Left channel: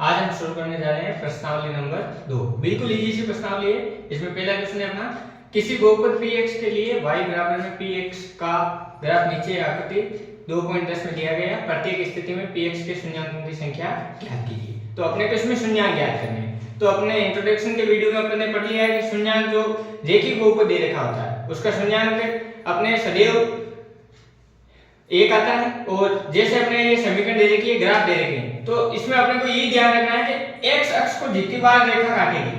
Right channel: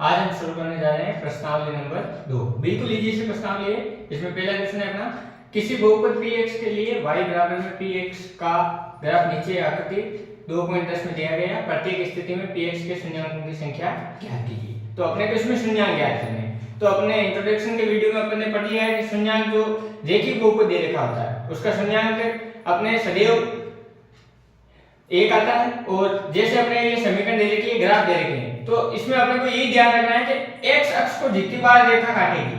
आज हम शुरू करने जा रहे हैं प्रश्नावली नंबर 2। बिल्कुल इजी सी प्रश्नावली है। इसमें पहला क्वेश्चन है अपना, किसी बहुपद px के लिए y बराबर में px का ग्राफ नीचे आकृति 2.10 में दिया गया है। प्रत्येक स्थिति में px के शून्यांकों की संख्या ज्ञात कीजिए। तो अपने को इसमें शून्यांक ज्ञात करने हैं। तो अपने इंट्रोडक्शन के वीडियो में अपने पढ़ लिया है कि शून्यांक जो रेखीय बहुपद दे रखा होता है उसका शून्यांक अपने सदैव एक आता है। और जैसे अपने ये समीकरण दे रखी है, ग्राफ दे रखे हैं, तो इसमें अपने को ये ध्यान रखना है कि x अक्ष को जितनी बार रेखा काटेगी,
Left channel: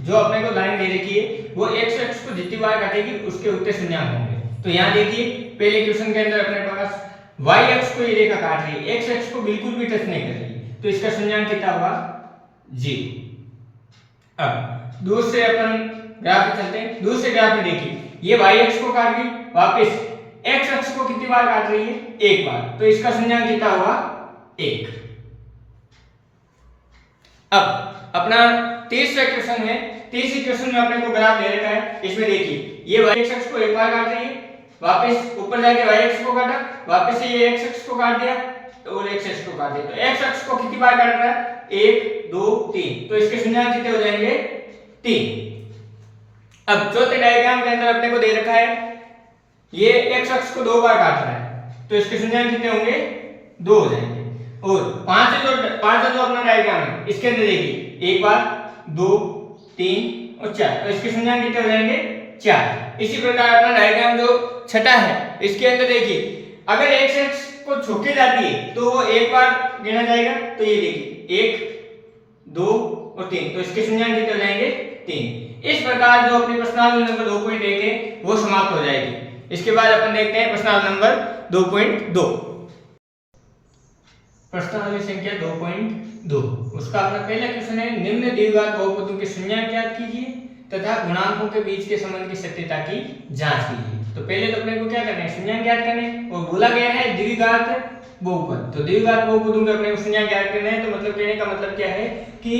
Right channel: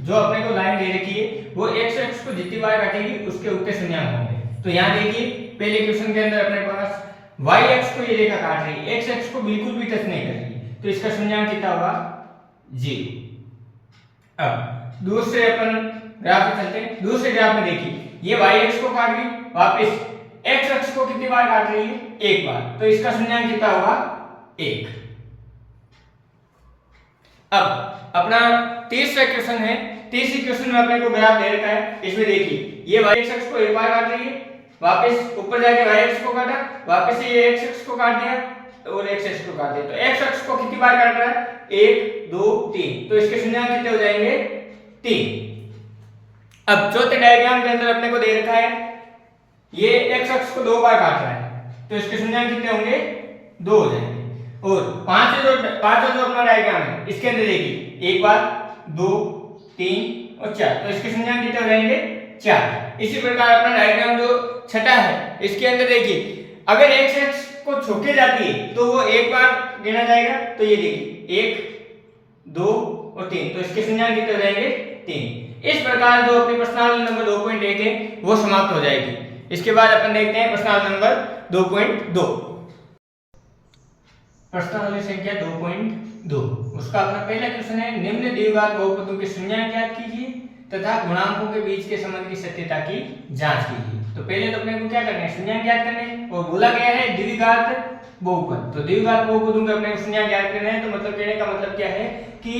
जो अपने को लाइन दे रखी है वो x अक्ष को जितनी बार काटेगी उसके उत्तर शून्यांक होंगे। तो यहाँ देखिए पहले क्वेश्चन के अंदर अपने पास y अक्ष को ये रेखा काट रही है, x अक्ष को बिल्कुल भी टच नहीं कर रही है, तो इसका शून्यांक कितना होगा? 0। अब दूसरे अपन ग्राफ पे चलते हैं। दूसरे ग्राफ में देखिए ये y अक्ष को काट गई, वापस x अक्ष को कितनी बार काट रही है? एक बार, तो इसका शून्यांक कितना होगा? 1। अब अपना तीसरा क्वेश्चन है। तीसरे क्वेश्चन में अपने को ग्राफ दे रखा है। इसमें देखिए ये y अक्ष को एक बार काट रही है, वापस ऊपर जाके y अक्ष को काटा, वापस से ये x अक्ष को काट दिया और x अक्ष को काट दिया, तो x अक्ष को कितनी बार काट रहा है? 1 2 3, तो इसके शून्यांक कितने हो जाएंगे? 3। अब चौथे डायग्राम के अंदर अपने को दे रखा है ये x अक्ष को 2 बार काट रहा है, तो इसके शून्यांक कितने होंगे? 2 हो जाएंगे। और पांचवा जो अपना डायग्राम है इसके अंदर देखिए 1 बार 2 3 और 4, तो इसके शून्यांक कितने हो जाएंगे? 4। इसी प्रकार अपना डायग्राम जो छठा है इसके अंदर देखिए अगर x अक्ष को छोके जाती है तो वो एक बार गिना जाएगा, तो ये देखिए 1 2 और 3, तो इसके शून्यांक कितने हो जाएंगे? 3। इस प्रकार जो अपनी प्रश्नावली नंबर 2.1 है वो समाप्त हो जाएगी। इसके बाद अपन देखते हैं प्रश्नावली नंबर 2.2। प्रश्नावली संख्या 2.2, उसका अपना पहला क्वेश्चन है, निम्न द्विघात बहुपदों के शून्यांक ज्ञात कीजिए तथा गुणांकों के बीच के संबंध की सत्यता की जांच कीजिए। तो पहले तो अपने को क्या करना है? शून्यांक ज्ञात करने हैं। और बोला गया है द्विघात बहुपद, तो द्विघात बहुपदों के अपने को शून्यांक ज्ञात करना है। तो मतलब कहने का मतलब क्या है कि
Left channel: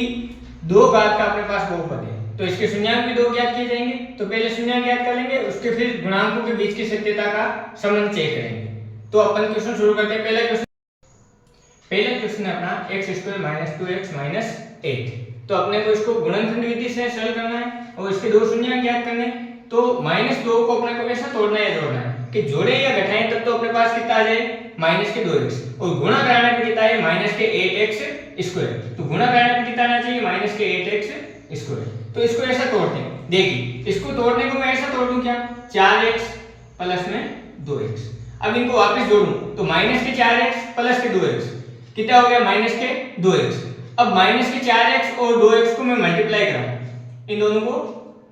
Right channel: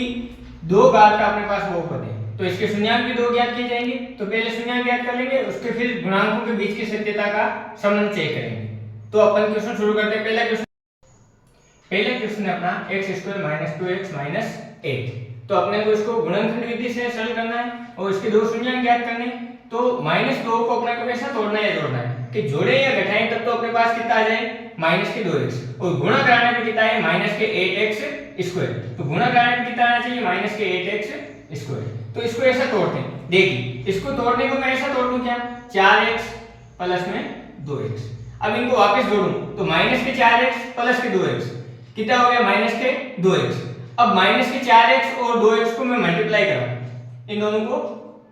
दो घात का अपने पास बहुपद है, तो इसके शून्यांक भी 2 ज्ञात किए जाएंगे। तो पहले शून्यांक ज्ञात कर लेंगे, उसके फिर गुणांकों के बीच की सत्यता का संबंध चेक करेंगे। तो अपन क्वेश्चन शुरू करते हैं। पहला क्वेश्चन है अपना x² - 2x - 8। तो अपने को इसको गुणनखंड विधि से सरल करना है और इसके दो शून्यांक ज्ञात करने हैं। तो -2 को अपने को कैसा तोड़ना है या जोड़ना है कि जोड़े या घटाएं तब तो अपने पास कितना आ जाए? -2x। और गुणा कराने पे कितना है? -8x²। तो गुणा कराने पे कितना आना चाहिए? -8x²। तो इसको ऐसा तोड़ते हैं। देखिए इसको तोड़ने को मैं ऐसा तोड़ दूं क्या? 4x प्लस में 2x। अब इनको वापस जोड़ूं तो -4x प्लस के 2x कितना हो गया? -2x। अब -4x और 2x को मैं मल्टीप्लाई करूं, इन दोनों को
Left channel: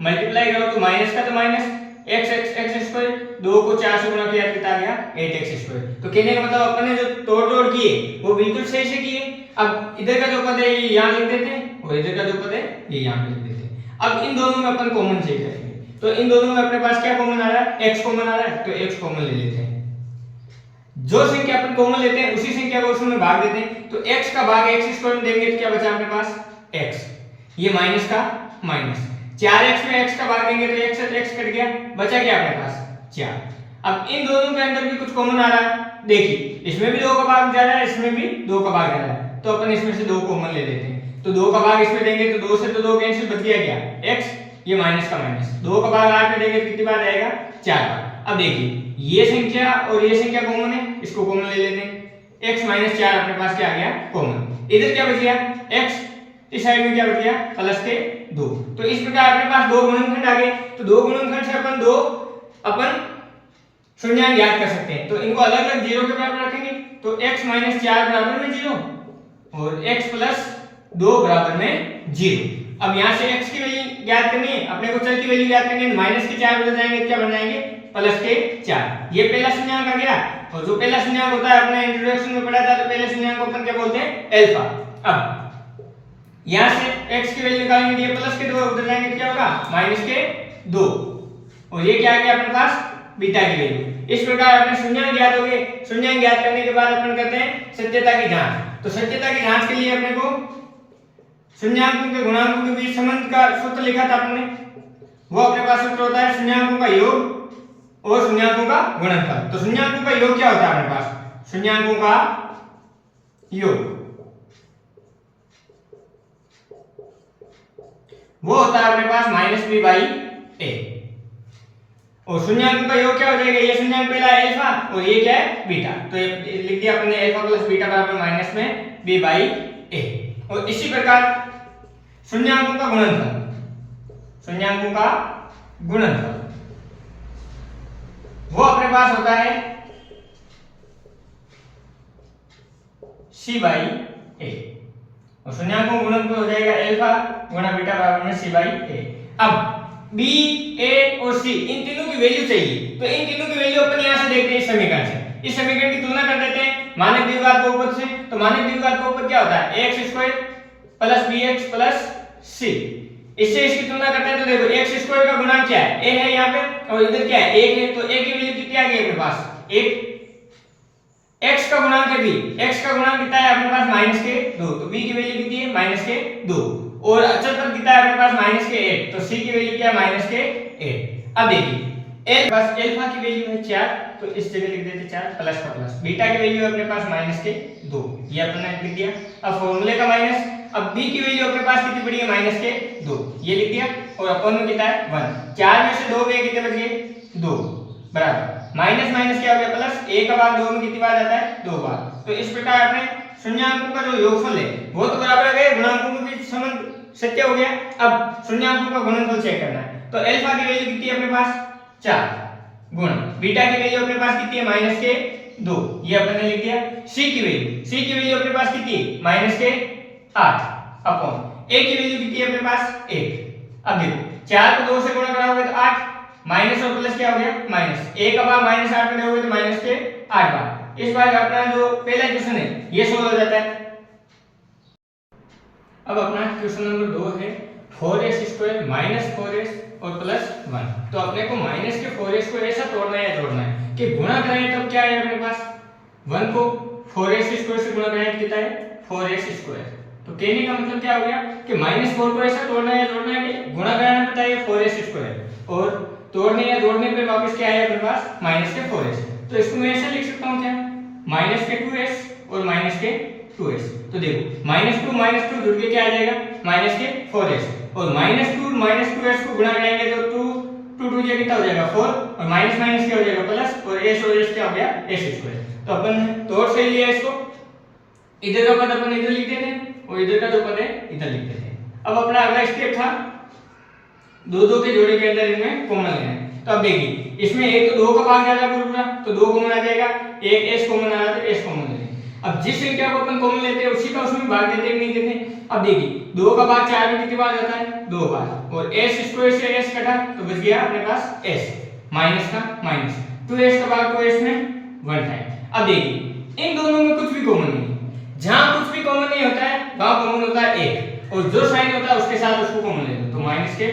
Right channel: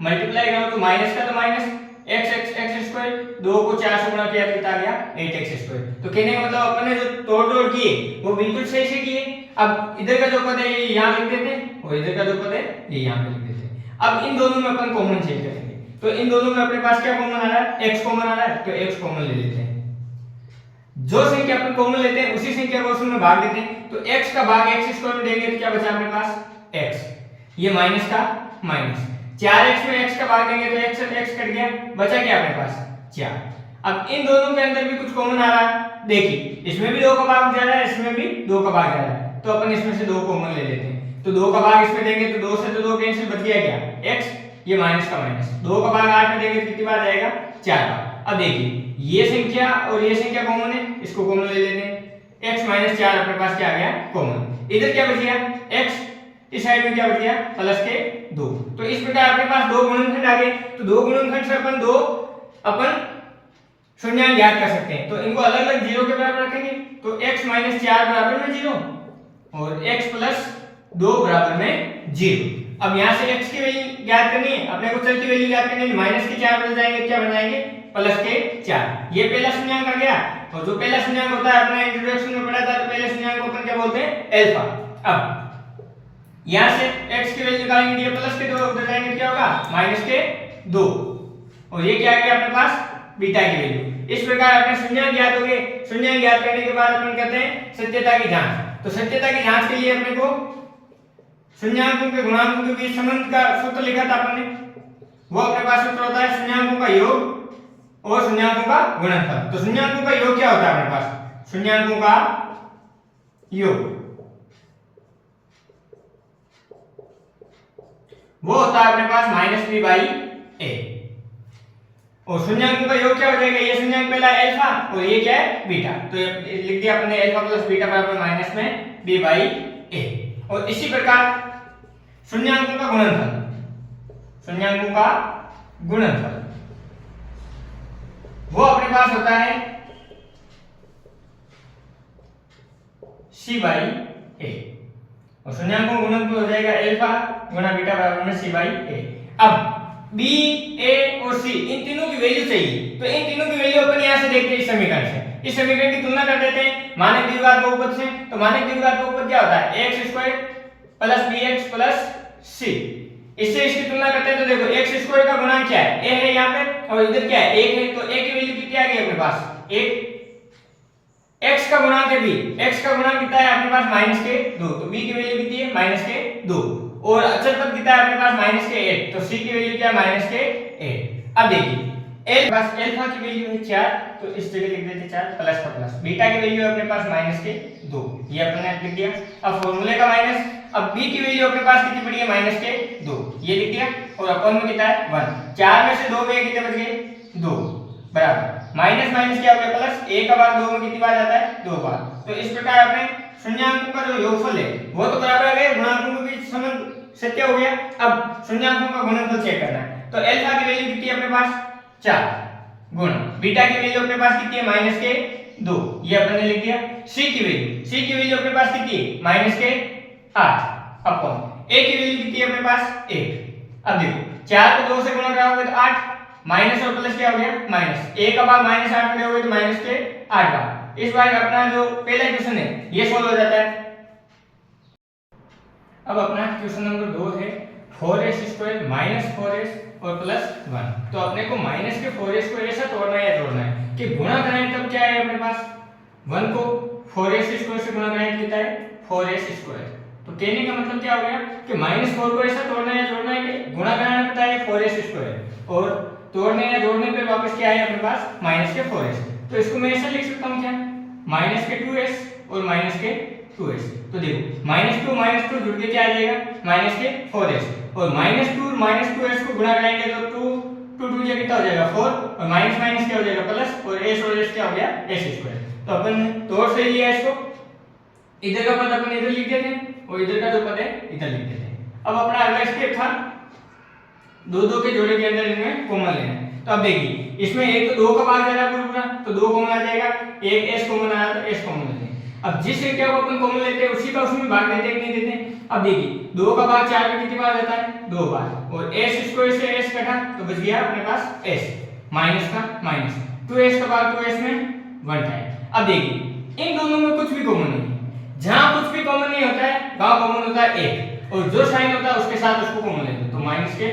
मल्टीप्लाई करूं तो माइनस का तो माइनस x² 2 को 4 से गुणा किया तो कितना आ गया? 8x²। तो कहने का मतलब अपन ने जो तोड़ जोड़ किए वो बिल्कुल सही से किए। अब इधर का जो पद है ये यहां लिख देते हैं और इधर का जो पद है ये यहां पे लिख देते हैं। अब इन दोनों में अपन कॉमन चेक करेंगे, तो इन दोनों में अपने पास क्या कॉमन आ रहा है? x कॉमन आ रहा है, तो x कॉमन ले लेते हैं। जो संख्या अपन कॉमन लेते हैं उसी संख्या को उसमें भाग देते हैं। तो x का भाग x² में देंगे तो क्या बचा अपने पास? x। ये माइनस का माइनस, 4x में x का भाग देंगे तो x से x कट गया, बचा क्या अपने पास? 4। अब इन दोनों के अंदर भी कुछ कॉमन आ रहा है। देखिए इसमें भी 2 का भाग जा रहा है, इसमें भी 2 का भाग जा रहा है, तो अपन इसमें से 2 कॉमन ले लेते हैं। तो 2 का भाग इसमें देंगे तो 2 से तो 2 कैंसिल, बच गया क्या? x। ये माइनस का माइनस, 2 का भाग 8 में देंगे तो कितनी बार जाएगा? 4 बार। अब देखिए ये संख्या और ये संख्या कॉमन है, इसको कॉमन ले लेते हैं। x - 4 अपने पास क्या आ गया? कॉमन। इधर क्या बच गया? x। इस साइड में क्या बच गया? प्लस के 2। तो इस प्रकार अपने पास दो गुणनखंड आ गए। तो दो गुणनखंड से अपन शून्यांक ज्ञात कर सकते हैं। तो इनको अलग अलग 0 के बराबर रखेंगे, तो x - 4 बराबर में 0 और x + 2 बराबर में 0। अब यहां से x की वैल्यू ज्ञात करनी है, अपने को चल की वैल्यू ज्ञात करनी है। -4 बन जाएंगे, क्या बन जाएंगे? +4। ये पहला शून्यांक आ गया। और जो पहला शून्यांक होता है अपने इंट्रोडक्शन में पढ़ा था, तो पहले शून्यांक को अपन क्या बोलते हैं? अल्फा। अब यहां से x की वैल्यू निकालेंगे, ये प्लस के 2 उधर जाएंगे, क्या होगा? -2। और ये क्या आ गया अपने पास? बीटा की वैल्यू। इस प्रकार अपने शून्यांक ज्ञात हो गए। शून्यांक ज्ञात करने के बाद अपन करते हैं सत्यता की जांच। तो सत्यता की जांच के लिए अपने को शून्यांकों के गुणांकों के बीच संबंध का सूत्र लिखा था अपन ने। वो अपने पास सूत्र होता है शून्याकों का योग और शून्याकों का गुणनफल। तो शून्याकों का योग क्या होता है अपने पास? शून्याकों का योग वो होता है अपने पास माइनस बी बाई ए। और शून्याङ्कों का योग क्या हो जाएगा, ये शून्याङ्क पहला अल्फा और ये क्या है बीटा, तो ये लिख दिया अपने अल्फा प्लस बीटा बराबर माइनस में बी बाई ए। और इसी प्रकार शून्याङ्कों का गुणनफल, शून्याङ्कों का गुणनफल वो अपने पास होता है सी बाई ए। और शून्याङ्कों का गुणनफल हो जाएगा अल्फा गुणा बीटा बराबर में सी बाई ए। अब बी ए और सी इन तीनों की वैल्यू चाहिए, तो इन तीनों की वैल्यू अपन यहां से देखते हैं इस समीकरण से, इस समीकरण की तुलना कर देते हैं मानक द्विघात बहुपद से। तो मानक द्विघात बहुपद क्या होता है, x square plus bx plus c। इससे इसकी तुलना करते हैं तो देखो x स्क्वायर का गुणांक क्या है, a है यहाँ पे और इधर क्या है 1 है, तो a की वैल्यू कितनी आ गई अपने पास 1। x का गुणांक है b, x का गुणांक कितना है अपने पास माइनस के 2, तो b की वैल्यू कितनी है माइनस के 2। और अचल पद कितना है अपने पास माइनस के 1, तो c की वैल्यू क्या है माइनस के 1। अब देखिए एक बस अल्फा की वैल्यू है 4, तो इस जगह लिख देते 4 प्लस का प्लस, बीटा की वैल्यू है अपने पास माइनस के 2, ये अपने लिख दिया। अब फॉर्मूले का माइनस, अब b की वैल्यू अपने पास कितनी पड़ी है माइनस के 2, ये लिख दिया। और अपन में कितना है 1, 4 में से 2 में कितने बच गए 2 बराबर माइनस माइनस क्या हो गया प्लस, 1 का बार 2 में कितनी बार जाता है 2 बार। तो इस प्रकार अपने शून्याङ्कों का जो योगफल है वो तो बराबर है, गुणांकों के बीच संबंध सत्य हो गया। अब शून्याङ्कों का गुणनफल चेक करना है, तो अल्फा की वैल्यू कितनी है अपने पास 4 गुण बीटा की वैल्यू अपने पास कितनी है माइनस के 2, ये अपन ने लिख दिया। c की वैल्यू अपने पास कितनी है माइनस के 8 अपॉन a की वैल्यू कितनी है अपने पास 1। अब देखो 4 को 2 से गुणा करोगे तो 8, माइनस और प्लस क्या हो गया माइनस, 1 का बार माइनस 8 में दोगे तो माइनस के 8 बार। इस बार अपना जो पहला क्वेश्चन है ये सोल्व हो जाता है। अब अपना क्वेश्चन नंबर 2 है 4s स्क्वायर माइनस 4s और प्लस 1। तो अपने को माइनस के 4s को ऐसा तोड़ना है या जोड़ना है कि गुणा करें तब क्या है अपने पास 1 को 4s स्क्वायर से गुणा करें कितना है 4s स्क्वायर। तो कहने का मतलब क्या हो गया कि -4 को ऐसा तोड़ना है या जोड़ना है कि गुणा कराना पड़ता है 4s स्क्वायर और तोड़ने या जोड़ने पे वापस क्या है अपने पास माइनस के 4s। तो इसको मैं ऐसे लिख सकता हूं क्या माइनस के 2s और माइनस के 2s। तो देखो -2 जुड़ के क्या आ जाएगा माइनस के 4s और -2 को गुणा करेंगे तो 2 से कितना हो जाएगा 4 और माइनस माइनस क्या हो जाएगा प्लस और s और s क्या हो गया s स्क्वायर। तो अपन तोड़ से लिया इसको, इधर का पद अपन इधर लिख देते हैं और इधर का जो पद है इधर लिख देते हैं। अब अपना अगला स्टेप था 2 के जोड़े के अंदर इनमें कॉमन लेना। तो अब देखिए इसमें एक तो 2 का भाग ज्यादा पूरा तो 2 कॉमन आ जाएगा, एक s कॉमन आया तो s कॉमन ले लेंगे। अब जिस संख्या को अपन कॉमन लेते हैं उसी का उसमें भाग देते हैं नहीं देते। अब देखिए 2 का भाग 4 में कितनी बार जाता है 2 बार और s स्क्वायर से s कटा तो बच गया अपने पास s माइनस का माइनस 2s का भाग 2s में 1 टाइम। अब देखिए इन दोनों में कुछ भी कॉमन नहीं है, जहां कुछ भी कॉमन नहीं होता है वहां कॉमन होता है 1 और जो साइन होता है उसके साथ उसको कॉमन ले लो। तो माइनस के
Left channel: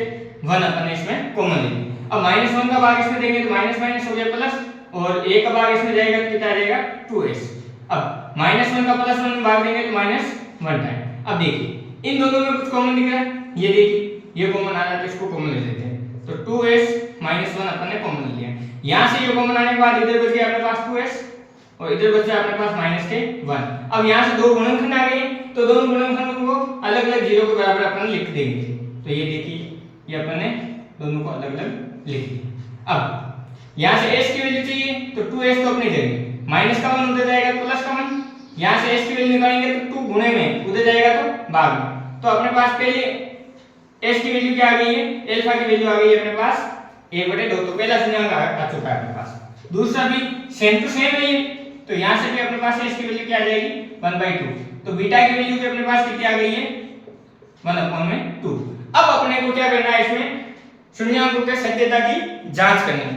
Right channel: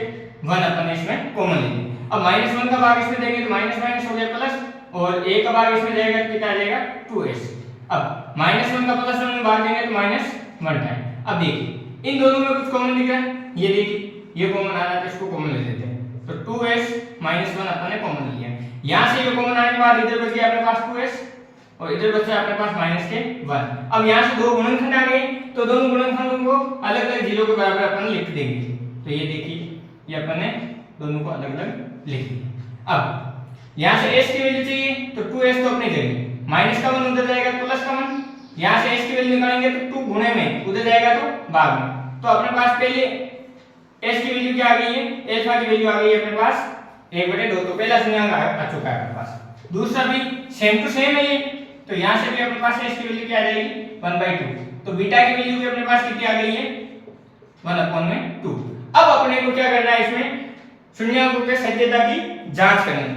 1 अपन इसमें कॉमन लेंगे। अब -1 का भाग इसमें देंगे तो माइनस माइनस हो गया प्लस और 1 का भाग इसमें जाएगा तो कितना आ जाएगा 2s। अब -1 का प्लस 1 में भाग देंगे तो -1 टाइम। अब देखिए इन दोनों में कुछ कॉमन दिख रहा है, ये देखिए ये कॉमन आ रहा है तो इसको कॉमन ले लेते हैं। तो 2s -1 अपन ने कॉमन ले लिया। यहां से ये कॉमन आने के बाद इधर बच गया अपने पास 2s और इधर बचा अपने पास -1। अब यहां से दो गुणनखंड आ गए तो दोनों गुणनखंडों को अलग-अलग जीरो के बराबर अपन लिख देंगे। तो ये देखिए ये अपन ने दोनों को अलग-अलग लिख दिया। अब यहां से s की वैल्यू चाहिए तो 2s तो अपने जगह माइनस का 1 उधर जाएगा तो प्लस का 1, यहां से s की वैल्यू निकालेंगे तो 2 गुणे में उधर जाएगा तो भाग में। तो अपने पास पहले s की वैल्यू क्या आ गई है अल्फा की वैल्यू आ गई है अपने पास 1/2। तो पहला शून्याङ्क आ चुका है अपने पास। दूसरा भी सेम टू सेम है ये, तो यहां से भी अपने पास s की वैल्यू क्या आ जाएगी 1/2। तो बीटा की वैल्यू भी अपने पास कितनी आ गई है 1/2। अब अपने को क्या करना है इसमें शून्याङ्कों के सत्यता की जांच करनी है।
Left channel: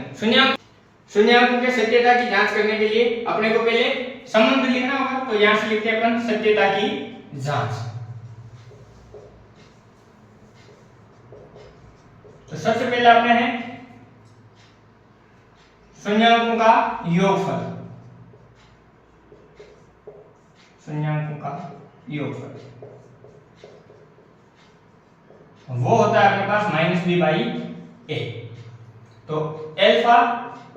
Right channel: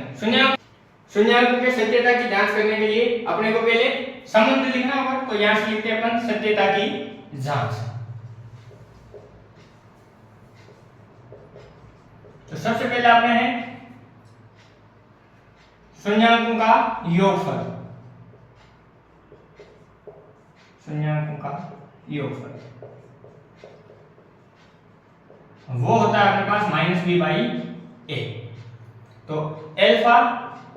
शून्याङ्कों के सत्यता की जांच करने के लिए अपने को पहले संबंध लिखना होगा। तो यहां से लिखते हैं अपन सत्यता की जांच। तो सबसे पहला अपने है शून्याङ्कों का योगफल। शून्याङ्कों का योगफल वो होता है अपने पास -b/a। तो अल्फा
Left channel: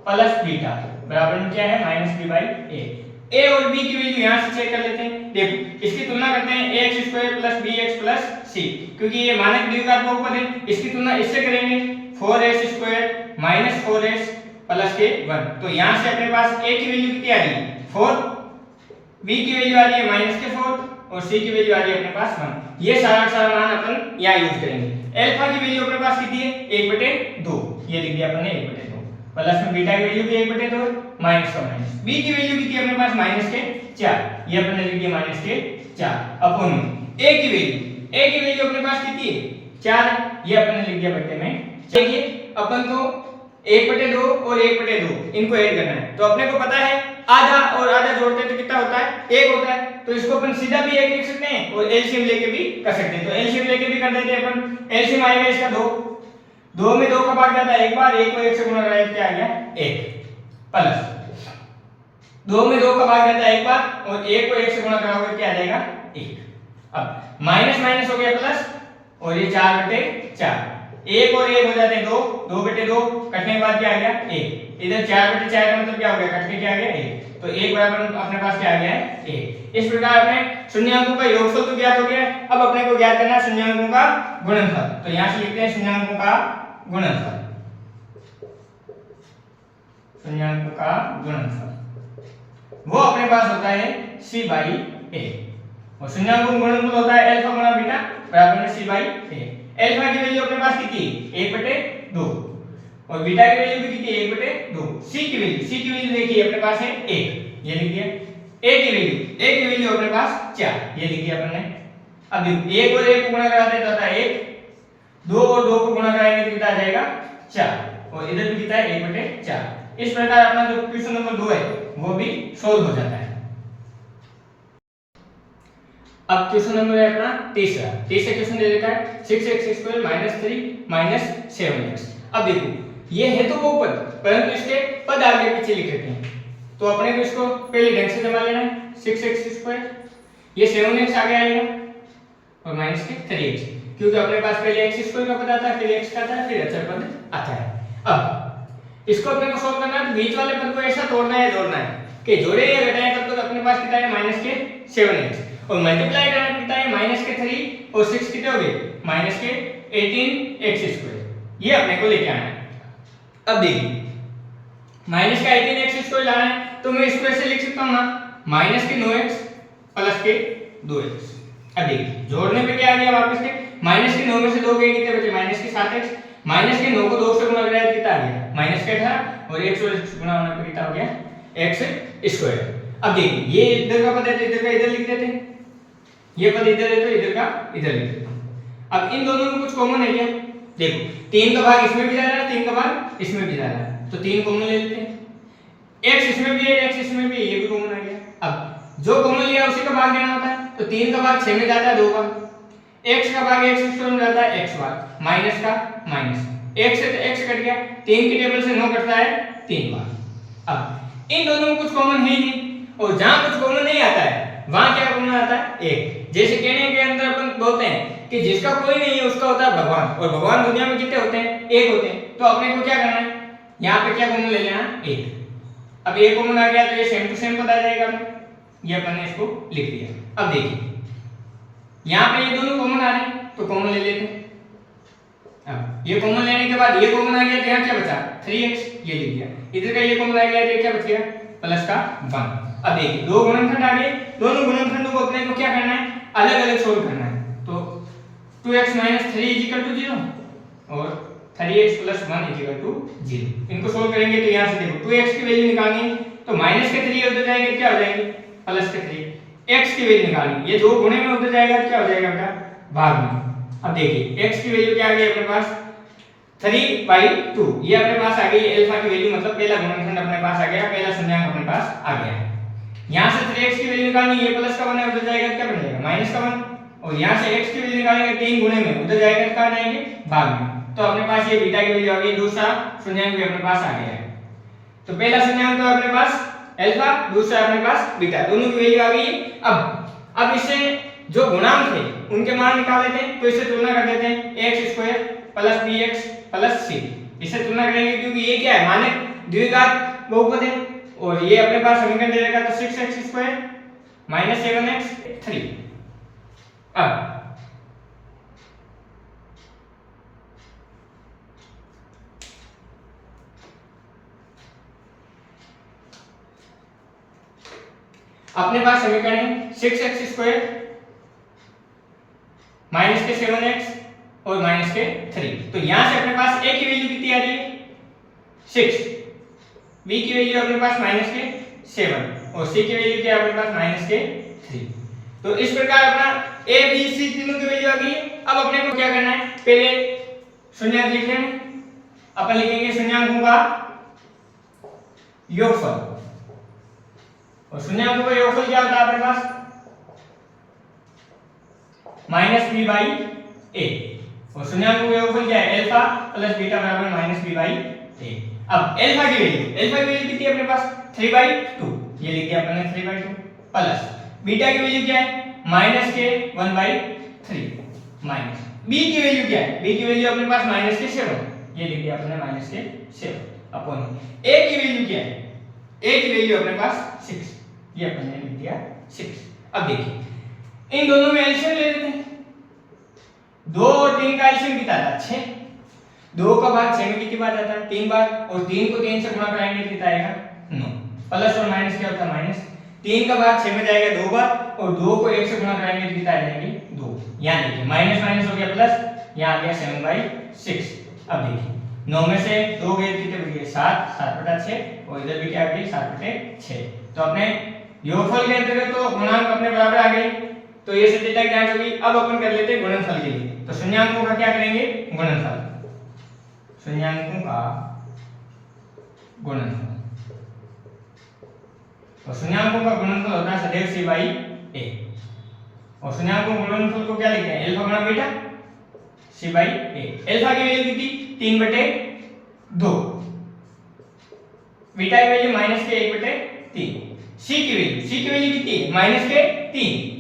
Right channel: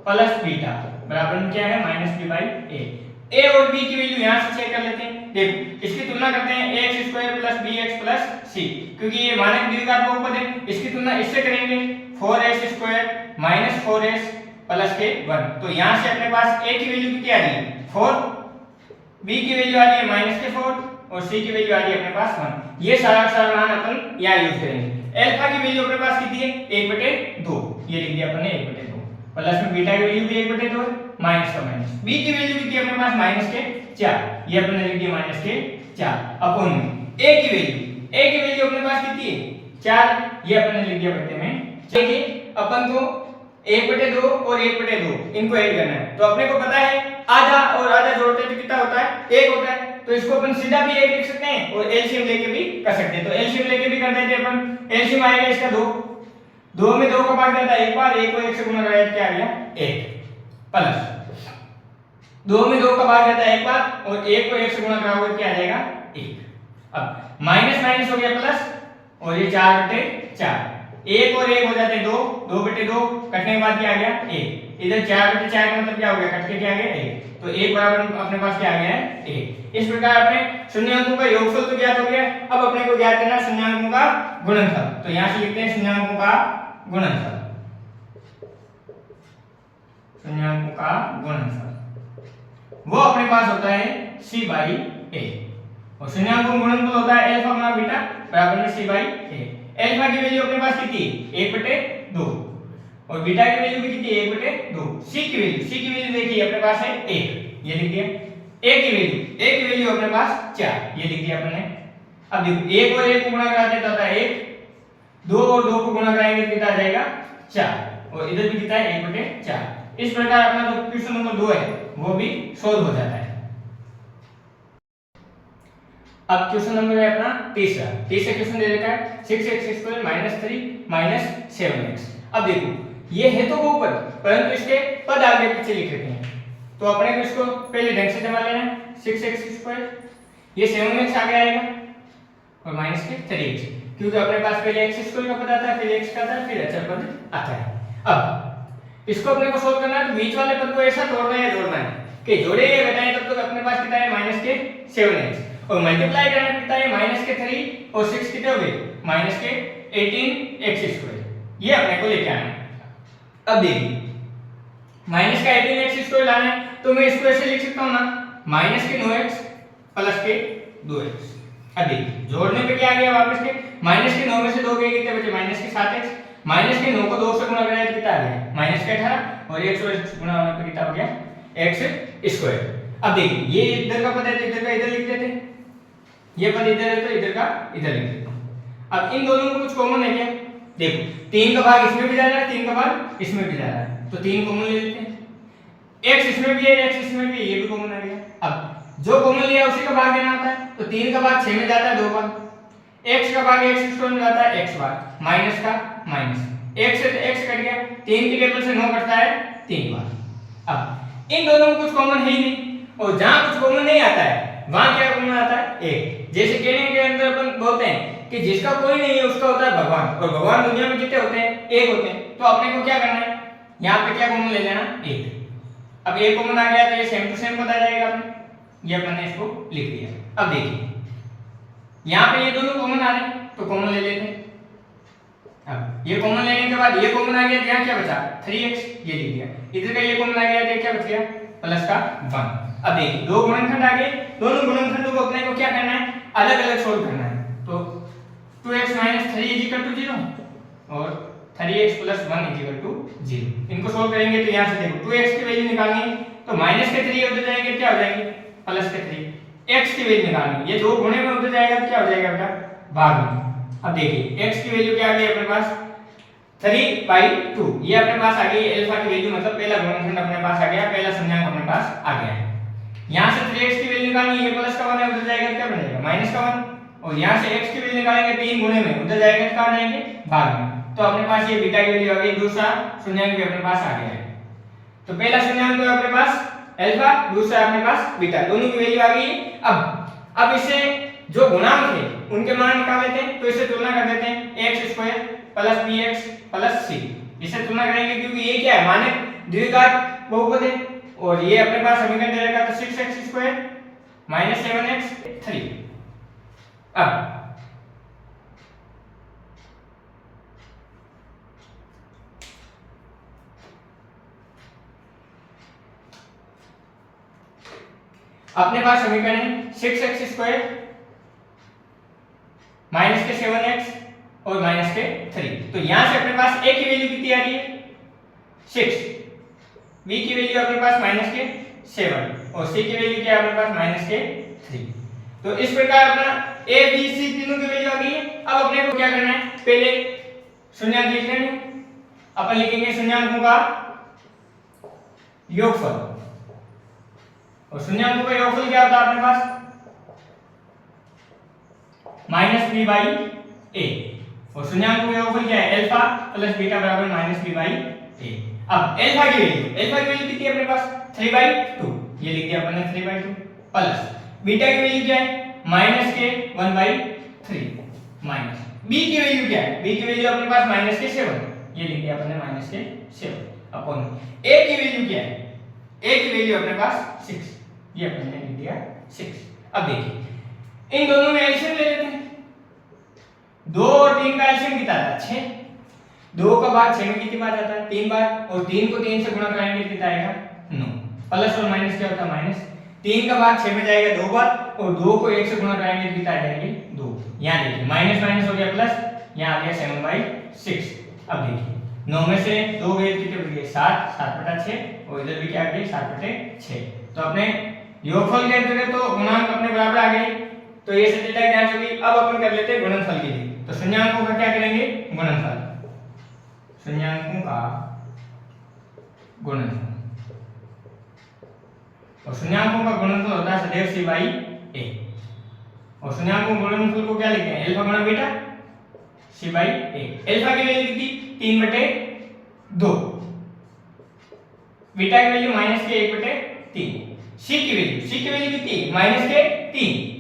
प्लस बीटा बराबर में क्या है -b/a। ए और बी की वैल्यू यहां से चेक कर लेते हैं। देखो इसकी तुलना करते हैं ax square plus bx plus c, क्योंकि ये मानक द्विघात बहुपद है। इसकी तुलना इससे करेंगे 4s square minus 4s plus के 1। तो यहां से अपने पास a की वैल्यू कितनी आ रही है 4, b की वैल्यू आ रही है माइनस के 4 और c की वैल्यू आ रही है अपने पास 1। ये सारा मान अपन यहां यूज करेंगे। अल्फा की वैल्यू अपने पास कितनी है 1/2, ये लिख दिया अपन ने 1/2 प्लस में बीटा की वैल्यू भी 1/2 है, माइनस का माइनस। b की वैल्यू कितनी है अपने पास माइनस के 4, ये अपन ने लिख दिया माइनस के 4 अपॉन a की वैल्यू अपने पास कितनी है 4, ये अपन ने लिख दिया बट्टे में। चलिए अपन को 1/2 और 1/2 इनको ऐड करना है। तो अपने को पता है आधा और आधा जोड़ते हैं तो कितना होता है 1 होता है। तो इसको अपन सीधा भी 1 लिख सकते हैं और एलसीएम लेके भी कर सकते हैं। तो एलसीएम लेके भी कर देते हैं अपन। एलसीएम आएगा इसका 2 में 2 का भाग जाता है एक बार, 1 को 1 से गुणा कराया क्या आ गया 1 प्लस 2 में 2 का भाग जाता है एक बार और 1 को 1 से गुणा कराओगे क्या आ जाएगा 1। अब माइनस माइनस हो गया प्लस और ये 4/4, 1 और 1 हो जाते हैं 2, 2/2 कटने के बाद क्या आ गया 1। इधर 4/4 का मतलब क्या हो गया कट के क्या आ गया 1। तो 1 बराबर अपने पास क्या आ गया है 1। इस प्रकार अपने शून्याङ्कों का योगफल तो ज्ञात हो गया। अब अपने को ज्ञात करना है शून्याङ्कों का गुणनफल। तो यहां से लिखते हैं शून्याङ्कों का गुणनफल, शून्याङ्कों का गुणनफल वो अपने पास होता है c/a और शून्याङ्कों का गुणनफल होता है अल्फा गुणा बीटा बराबर में c/a। अल्फा की वैल्यू अपने पास कितनी है 1/2 और बीटा की वैल्यू भी कितनी है 1/2। c की वैल्यू देखिए अपने पास है 1, ये लिख दिया। a की वैल्यू अपने पास 4, ये लिख दिया अपन ने। अब देखो 1 और 1 को गुणा कराते तो आता है 1, 2 और 2 को गुणा कराएंगे तो कितना आ जाएगा 4 और इधर भी कितना है 1/4। इस प्रकार अपना जो क्वेश्चन नंबर 2 है वो भी सॉल्व हो जाता है। अब क्वेश्चन नंबर है अपना तीसरा क्वेश्चन दे देता है 6x² - 3 - 7x। अब देखो ये है तो बहुपद परंतु इसके पद आगे पीछे लिख लेते हैं। तो अपने को इसको पहले ढंग से जमा लेना है 6x², ये 7x आगे आएगा और माइनस के 3x, क्योंकि अपने पास पहले x² का पद आता है फिर x का आता है फिर अचर पद आता है। अब इसको अपने को सोल्व करना है तो बीच वाले पद को ऐसा तोड़ना है जोड़ना है कि जोड़े या घटाए तब तक अपने पास कितना है माइनस के 7x और मल्टीप्लाई करना कितना है माइनस के 3 और 6 कितने हो गए माइनस के 18x²। ये अपने को लेके आना है। अब देखिए माइनस का 18x² लाना है तो मैं इसको ऐसे लिख सकता हूं ना माइनस के 9x प्लस के 2x। अब देखिए जोड़ने पे क्या आ गया वापस के माइनस के 9 में से 2 गए कितने बचे माइनस के 7x, माइनस के 9 को 2 से गुणा कराया तो कितना आ गया माइनस के 18 और 1 से गुणा होने पे कितना हो गया x²। अब देखिए ये इधर का पद है तो इधर का इधर लिख देते हैं, ये पद इधर है तो इधर का इधर लिख देते हैं। अब इन दोनों में कुछ कॉमन है क्या देखो 3 का भाग इसमें भी जा रहा है 3 का भाग इसमें भी जा रहा है तो 3 कॉमन ले लेते हैं। x इसमें भी है x इसमें भी है ये भी कॉमन आ गया। अब जो कॉमन लिया उसी का भाग देना होता है तो 3 का भाग 6 में जाता है 2 बार, x का भाग x² में जाता है x बार, माइनस का माइनस x से तो x कट गया, 3 की टेबल से 9 कटता है 3 बार। अब इन दोनों में कुछ कॉमन है ही नहीं और जहां कुछ कॉमन नहीं आता है वहां क्या कॉमन आता है 1। जैसे कहने के अंदर अपन बोलते हैं कि जिसका कोई नहीं है उसका होता है भगवान और भगवान दुनिया में कितने होते हैं 1 होते हैं। तो अपने को क्या करना है यहाँ पे क्या कॉमन ले लेना 1। अब 1 कॉमन आ गया तो ये सेम टू सेम पता जाएगा अपने, ये अपन ने इसको लिख दिया। अब देखिए यहाँ पे ये दोनों कॉमन आ रहे हैं तो कॉमन ले लेते हैं। अब ये कॉमन लेने के बाद ये कॉमन आ गया तो यहाँ क्या बचा 3x, ये लिख दिया। इधर का ये कॉमन आ गया तो क्या बच गया प्लस का 1। अब देखिए दो गुणनखंड आ गए, दोनों गुणनखंडों को अपने को क्या करना है अलग अलग सोल्व करना है। तो 2x - 3 = 0 और 3x + 1 = 0। इनको सोल्व करेंगे तो यहाँ से देखो 2x की वैल्यू निकालनी है तो माइनस के 3 उधर जाएंगे क्या हो जाएंगे प्लस के 3, x की वैल्यू निकालनी ये दो गुणे में उधर जाएगा तो क्या हो जाएगा आपका भाग में। अब देखिए x की वैल्यू क्या आ गई अपने पास 3/2, ये अपने पास आ गई अल्फा की वैल्यू, मतलब पहला गुणनखंड अपने पास आ गया, पहला संज्ञांक अपने पास आ गया है। यहां से 3x की वैल्यू निकालनी ये प्लस का 1 है उधर जाएगा क्या बनेगा माइनस का 1 और यहां से x की वैल्यू निकालेंगे 3 गुणे में उधर जाएगा क्या जाएंगे भाग में। तो अपने पास ये बीटा की वैल्यू आ गई, दूसरा शून्याङ्क भी अपने पास आ गया है। तो पहला शून्याङ्क तो अपने पास अल्फा, दूसरा अपने पास बीटा, दोनों की वैल्यू आ गई। अब इससे जो गुणांक है उनके मान निकाल लेते हैं। तो इससे तुलना कर देते हैं x² + bx + c, इससे तुलना करेंगे क्योंकि ये क्या है मानक द्विघात बहुपद है और ये अपने पास समीकरण दे रखा तो 6x² - 7x3। अब अपने पास समीकरण है 6x² - 7x और -3। तो यहां से अपने पास a की वैल्यू कितनी आ रही है 6, b की वैल्यू अपने पास -7 और c की वैल्यू क्या है अपने पास -3। तो इस प्रकार अपना a b c तीनों की वैल्यू आ गई है। अब अपने को क्या करना है, पहले शून्यांक लिख लेंगे। अपन लिखेंगे शून्यांकों का योगफल, और शून्यांकों का योगफल क्या होता है अपने पास -b/a, और शून्यांकों का योगफल क्या है अल्फा प्लस बीटा बराबर -b/a। अब अल्फा की वैल्यू कितनी है अपने पास 3/2, ये लिख दिया अपन ने 3/2, प्लस बीटा की वैल्यू क्या है -k1/3, माइनस b की वैल्यू क्या है, b की वैल्यू अपने पास -k7, ये लिख दिया अपन ने -k7 अपॉन a की वैल्यू क्या है, a की वैल्यू अपने पास 6, ये अपन ने लिख दिया 6। अब देखिए इन दोनों में एलसीएम ले लेते हैं। 2 और 3 का एलसीएम कितना आता है 6, 2 का भाग 6 में कितनी बार आता है 3 बार, और 3 को 3 से गुणा कराएंगे कितना आएगा 9, प्लस और माइनस क्या होता है माइनस, 3 का भाग 6 में जाएगा 2 बार, और 2 को 1 से गुणा कराएंगे कितना आ जाएंगे 2। यहां देखिए माइनस माइनस हो गया प्लस, यहां आ गया 7/6। अब देखिए 9 में से 2 गए कितने बच गए 7, 7/6, और इधर भी क्या आ गई 7/6। तो अपने योगफल के अंतर्गत तो गुणांक अपने बराबर आ गए, तो ये सत्यता की जांच होगी। अब अपन कर लेते हैं गुणनफल के लिए। तो शून्याङ्कों का क्या करेंगे गुणनफल, शून्याङ्कों का गुणनफल, और शून्याङ्कों का गुणनफल होता है सदैव c/a, और शून्याङ्कों के गुणनफल को क्या लिखते हैं अल्फा गुणा बीटा c/a। अल्फा की वैल्यू कितनी 3/2, बीटा की वैल्यू -k1/3, c की वैल्यू कितनी -k3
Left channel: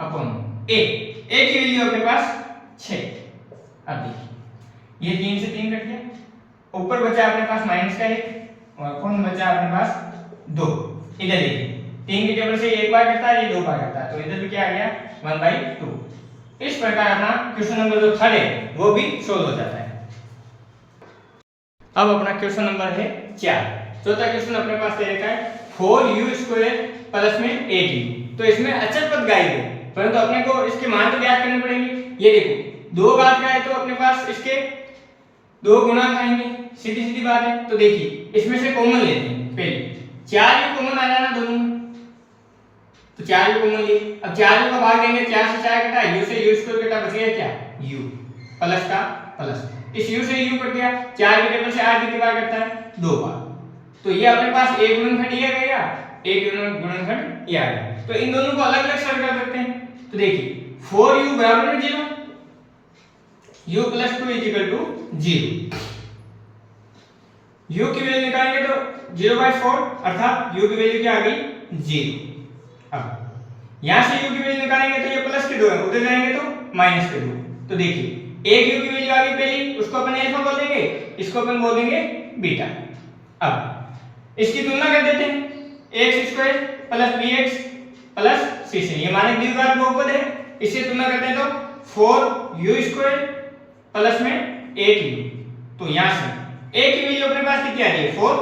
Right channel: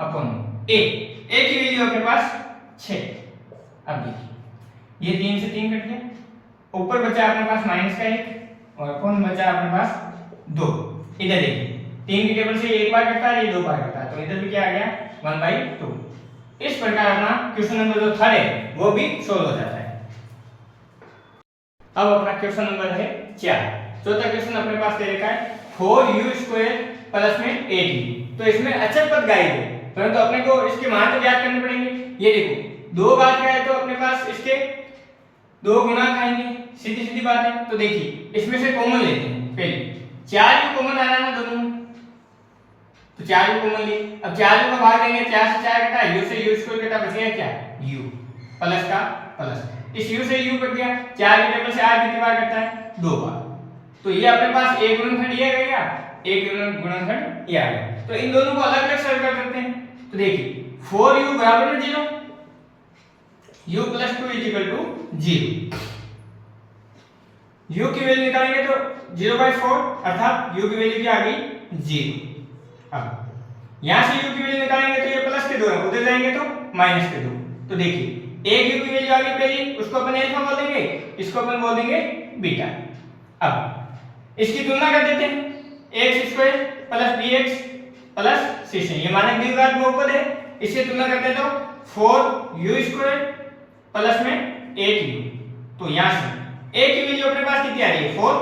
अपॉन a की वैल्यू अपने पास 6। अब देखिए ये 3 से 3 कट गया, ऊपर बचा अपने पास -1 और कौन बचा अपने पास 2। इधर देखिए 3 की टेबल से एक बार करता है, ये 2 बार करता है, तो इधर भी क्या आ गया 1/2। इस प्रकार अपना क्वेश्चन नंबर जो 3 है वो भी सोल्व हो जाता है। अब अपना क्वेश्चन नंबर है 4। चौथा क्वेश्चन अपने पास दे रखा है 4u² प्लस में 8u। तो इसमें अचर पद गायब है, परंतु अपने को इसके मान तो ज्ञात करने पड़ेंगे। ये देखो 2 घात का है तो अपने पास इसके 2 गुणांक आएंगे, सीधी सीधी बात है। तो देखिए इसमें से कॉमन लेते हैं, पहले 4u कॉमन आ रहा है ना दोनों में, तो 4u कॉमन ले। अब 4u का भाग देंगे, 4 से 4 कटा, u से u² कटा, बच गया क्या u प्लस का प्लस, इस u से u कट गया, 4 की टेबल से 8 कितनी बार कटता है 2 बार, तो ये अपने पास एक गुणनखंड ये आ गया, एक गुणनखंड ये आ गया। तो इन दोनों को अलग अलग सरल कर सकते हैं। तो देखिए 4u बराबर में 0, u + 2 = 0, u की वैल्यू निकालेंगे तो 0/4 अर्थात u की वैल्यू क्या आ गई 0। अब यहां से u की वैल्यू निकालेंगे तो ये प्लस के 2 है, उधर जाएंगे तो माइनस के 2। तो देखिए एक u की वैल्यू आ गई पहली, उसको अपन अल्फा बोल देंगे, इसको अपन बोल देंगे बीटा। अब इसकी तुलना कर देते हैं, x² + bx + c, ये मानक द्विघात बहुपद है, इससे तुलना करते हैं तो 4u² प्लस में 8u। तो यहां से a की वैल्यू अपने पास कितनी आ रही है 4,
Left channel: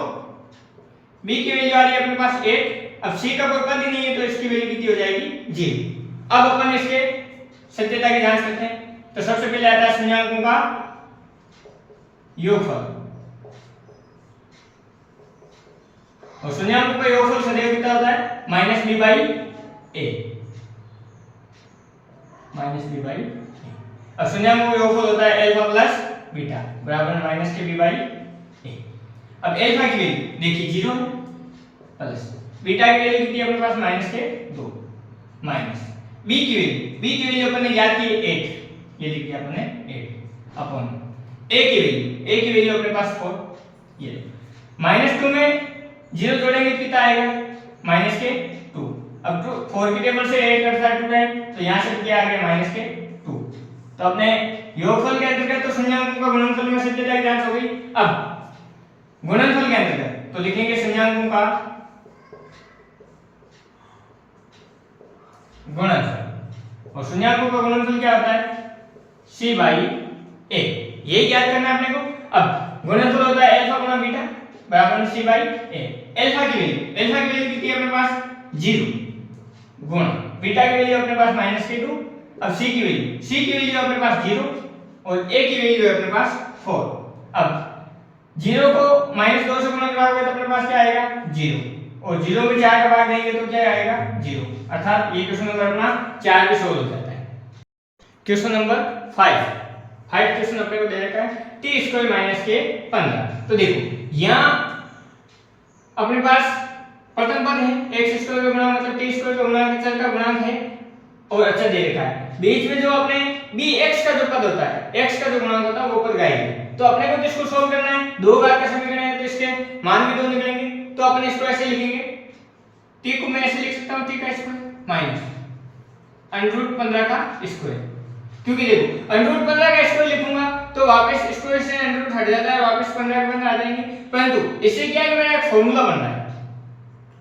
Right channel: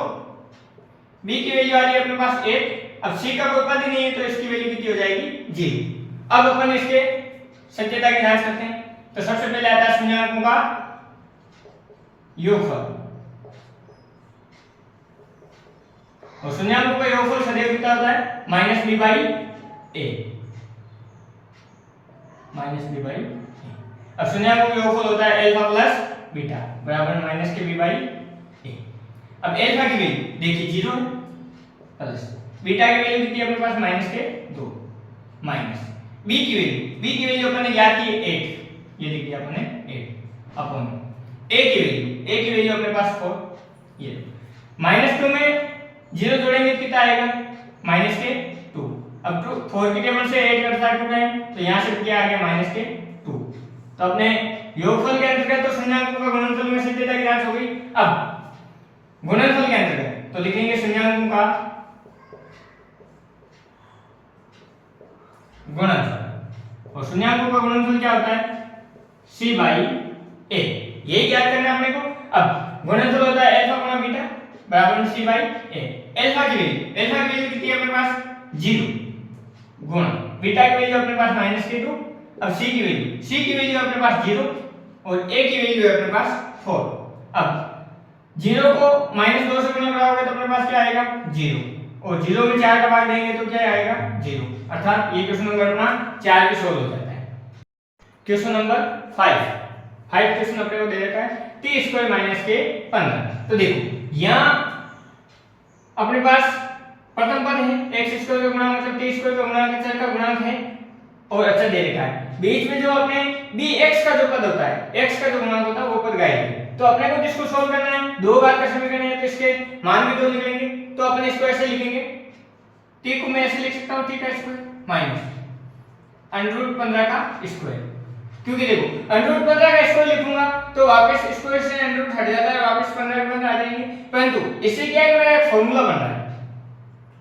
b की वैल्यू आ रही है अपने पास 8, अब c का कोई पद ही नहीं है तो इसकी वैल्यू कितनी हो जाएगी 0। अब अपन इसके सत्यता की जांच करते हैं। तो सबसे पहले आता है शून्याङ्कों का योगफल, और शून्याङ्कों का योगफल सदैव कितना होता है -b/a, -b/a। अब शून्याङ्कों का योगफल होता है अल्फा प्लस बीटा बराबर -kb/a। अब अल्फा की वैल्यू देखिए 0 है, प्लस बीटा की वैल्यू कितनी है अपने पास -2, माइनस b की वैल्यू अपन ने ज्ञात की 8, ये लिख दिया अपन ने 8 अपॉन a की वैल्यू अपने पास 4, ये -2 में 0 जोड़ेंगे कितना आएगा -2। अब 4 की टेबल से 8 कटता है 2 टाइम, तो यहां से क्या आ गया -2। तो अपने योगफल के अंतर्गत तो शून्याङ्कों का गुणनफल में सत्यता की जांच हो गई। अब गुणनफल के अंतर्गत तो लिखेंगे शून्याङ्कों का गुणनफल। और शून्याङ्कों का गुणनफल क्या होता है? c by a। ये याद करना है अपने को। अब गुणनफल होता है अल्फा गुणा बीटा बराबर में c बाई a। अल्फा की वैल्यू कितनी है अपने पास? 0 गुणा बीटा की वैल्यू अपने पास -2। अब c की वैल्यू अपने पास 0 और a की वैल्यू है अपने पास 4। अब 0 को -2 से गुणा कराओगे तो अपने पास क्या आएगा? 0 और 0 में 4 का भाग देंगे तो क्या आएगा? 0। अर्थात ये क्वेश्चन नंबर अपना 4 भी सोल्व हो जाता है। क्वेश्चन नंबर 5 क्वेश्चन अपने को दे रखा है t² - के 15। तो देखो यहाँ अपने पास प्रथम पद है x² का गुणा मतलब t² का गुणा चर का गुणांक है और अच्छा दे रखा है। बीच में जो अपने bx का जो पद होता है, x का जो गुणांक होता है वो पद गायब है। तो अपने को किसको सोल्व करना है? दो घात का समीकरण है तो इसके मान भी दो निकलेंगे। तो अपन इसको ऐसे लिखेंगे, t को मैं ऐसे लिख सकता हूं t का स्क्वायर माइनस √15 का स्क्वायर। क्योंकि देखो √15 का स्क्वायर लिखूंगा तो वापस स्क्वायर से √ हट जाता है, वापस 15 के 15 आ जाएंगे। परंतु इससे क्या है कि मेरा एक फार्मूला बन रहा है,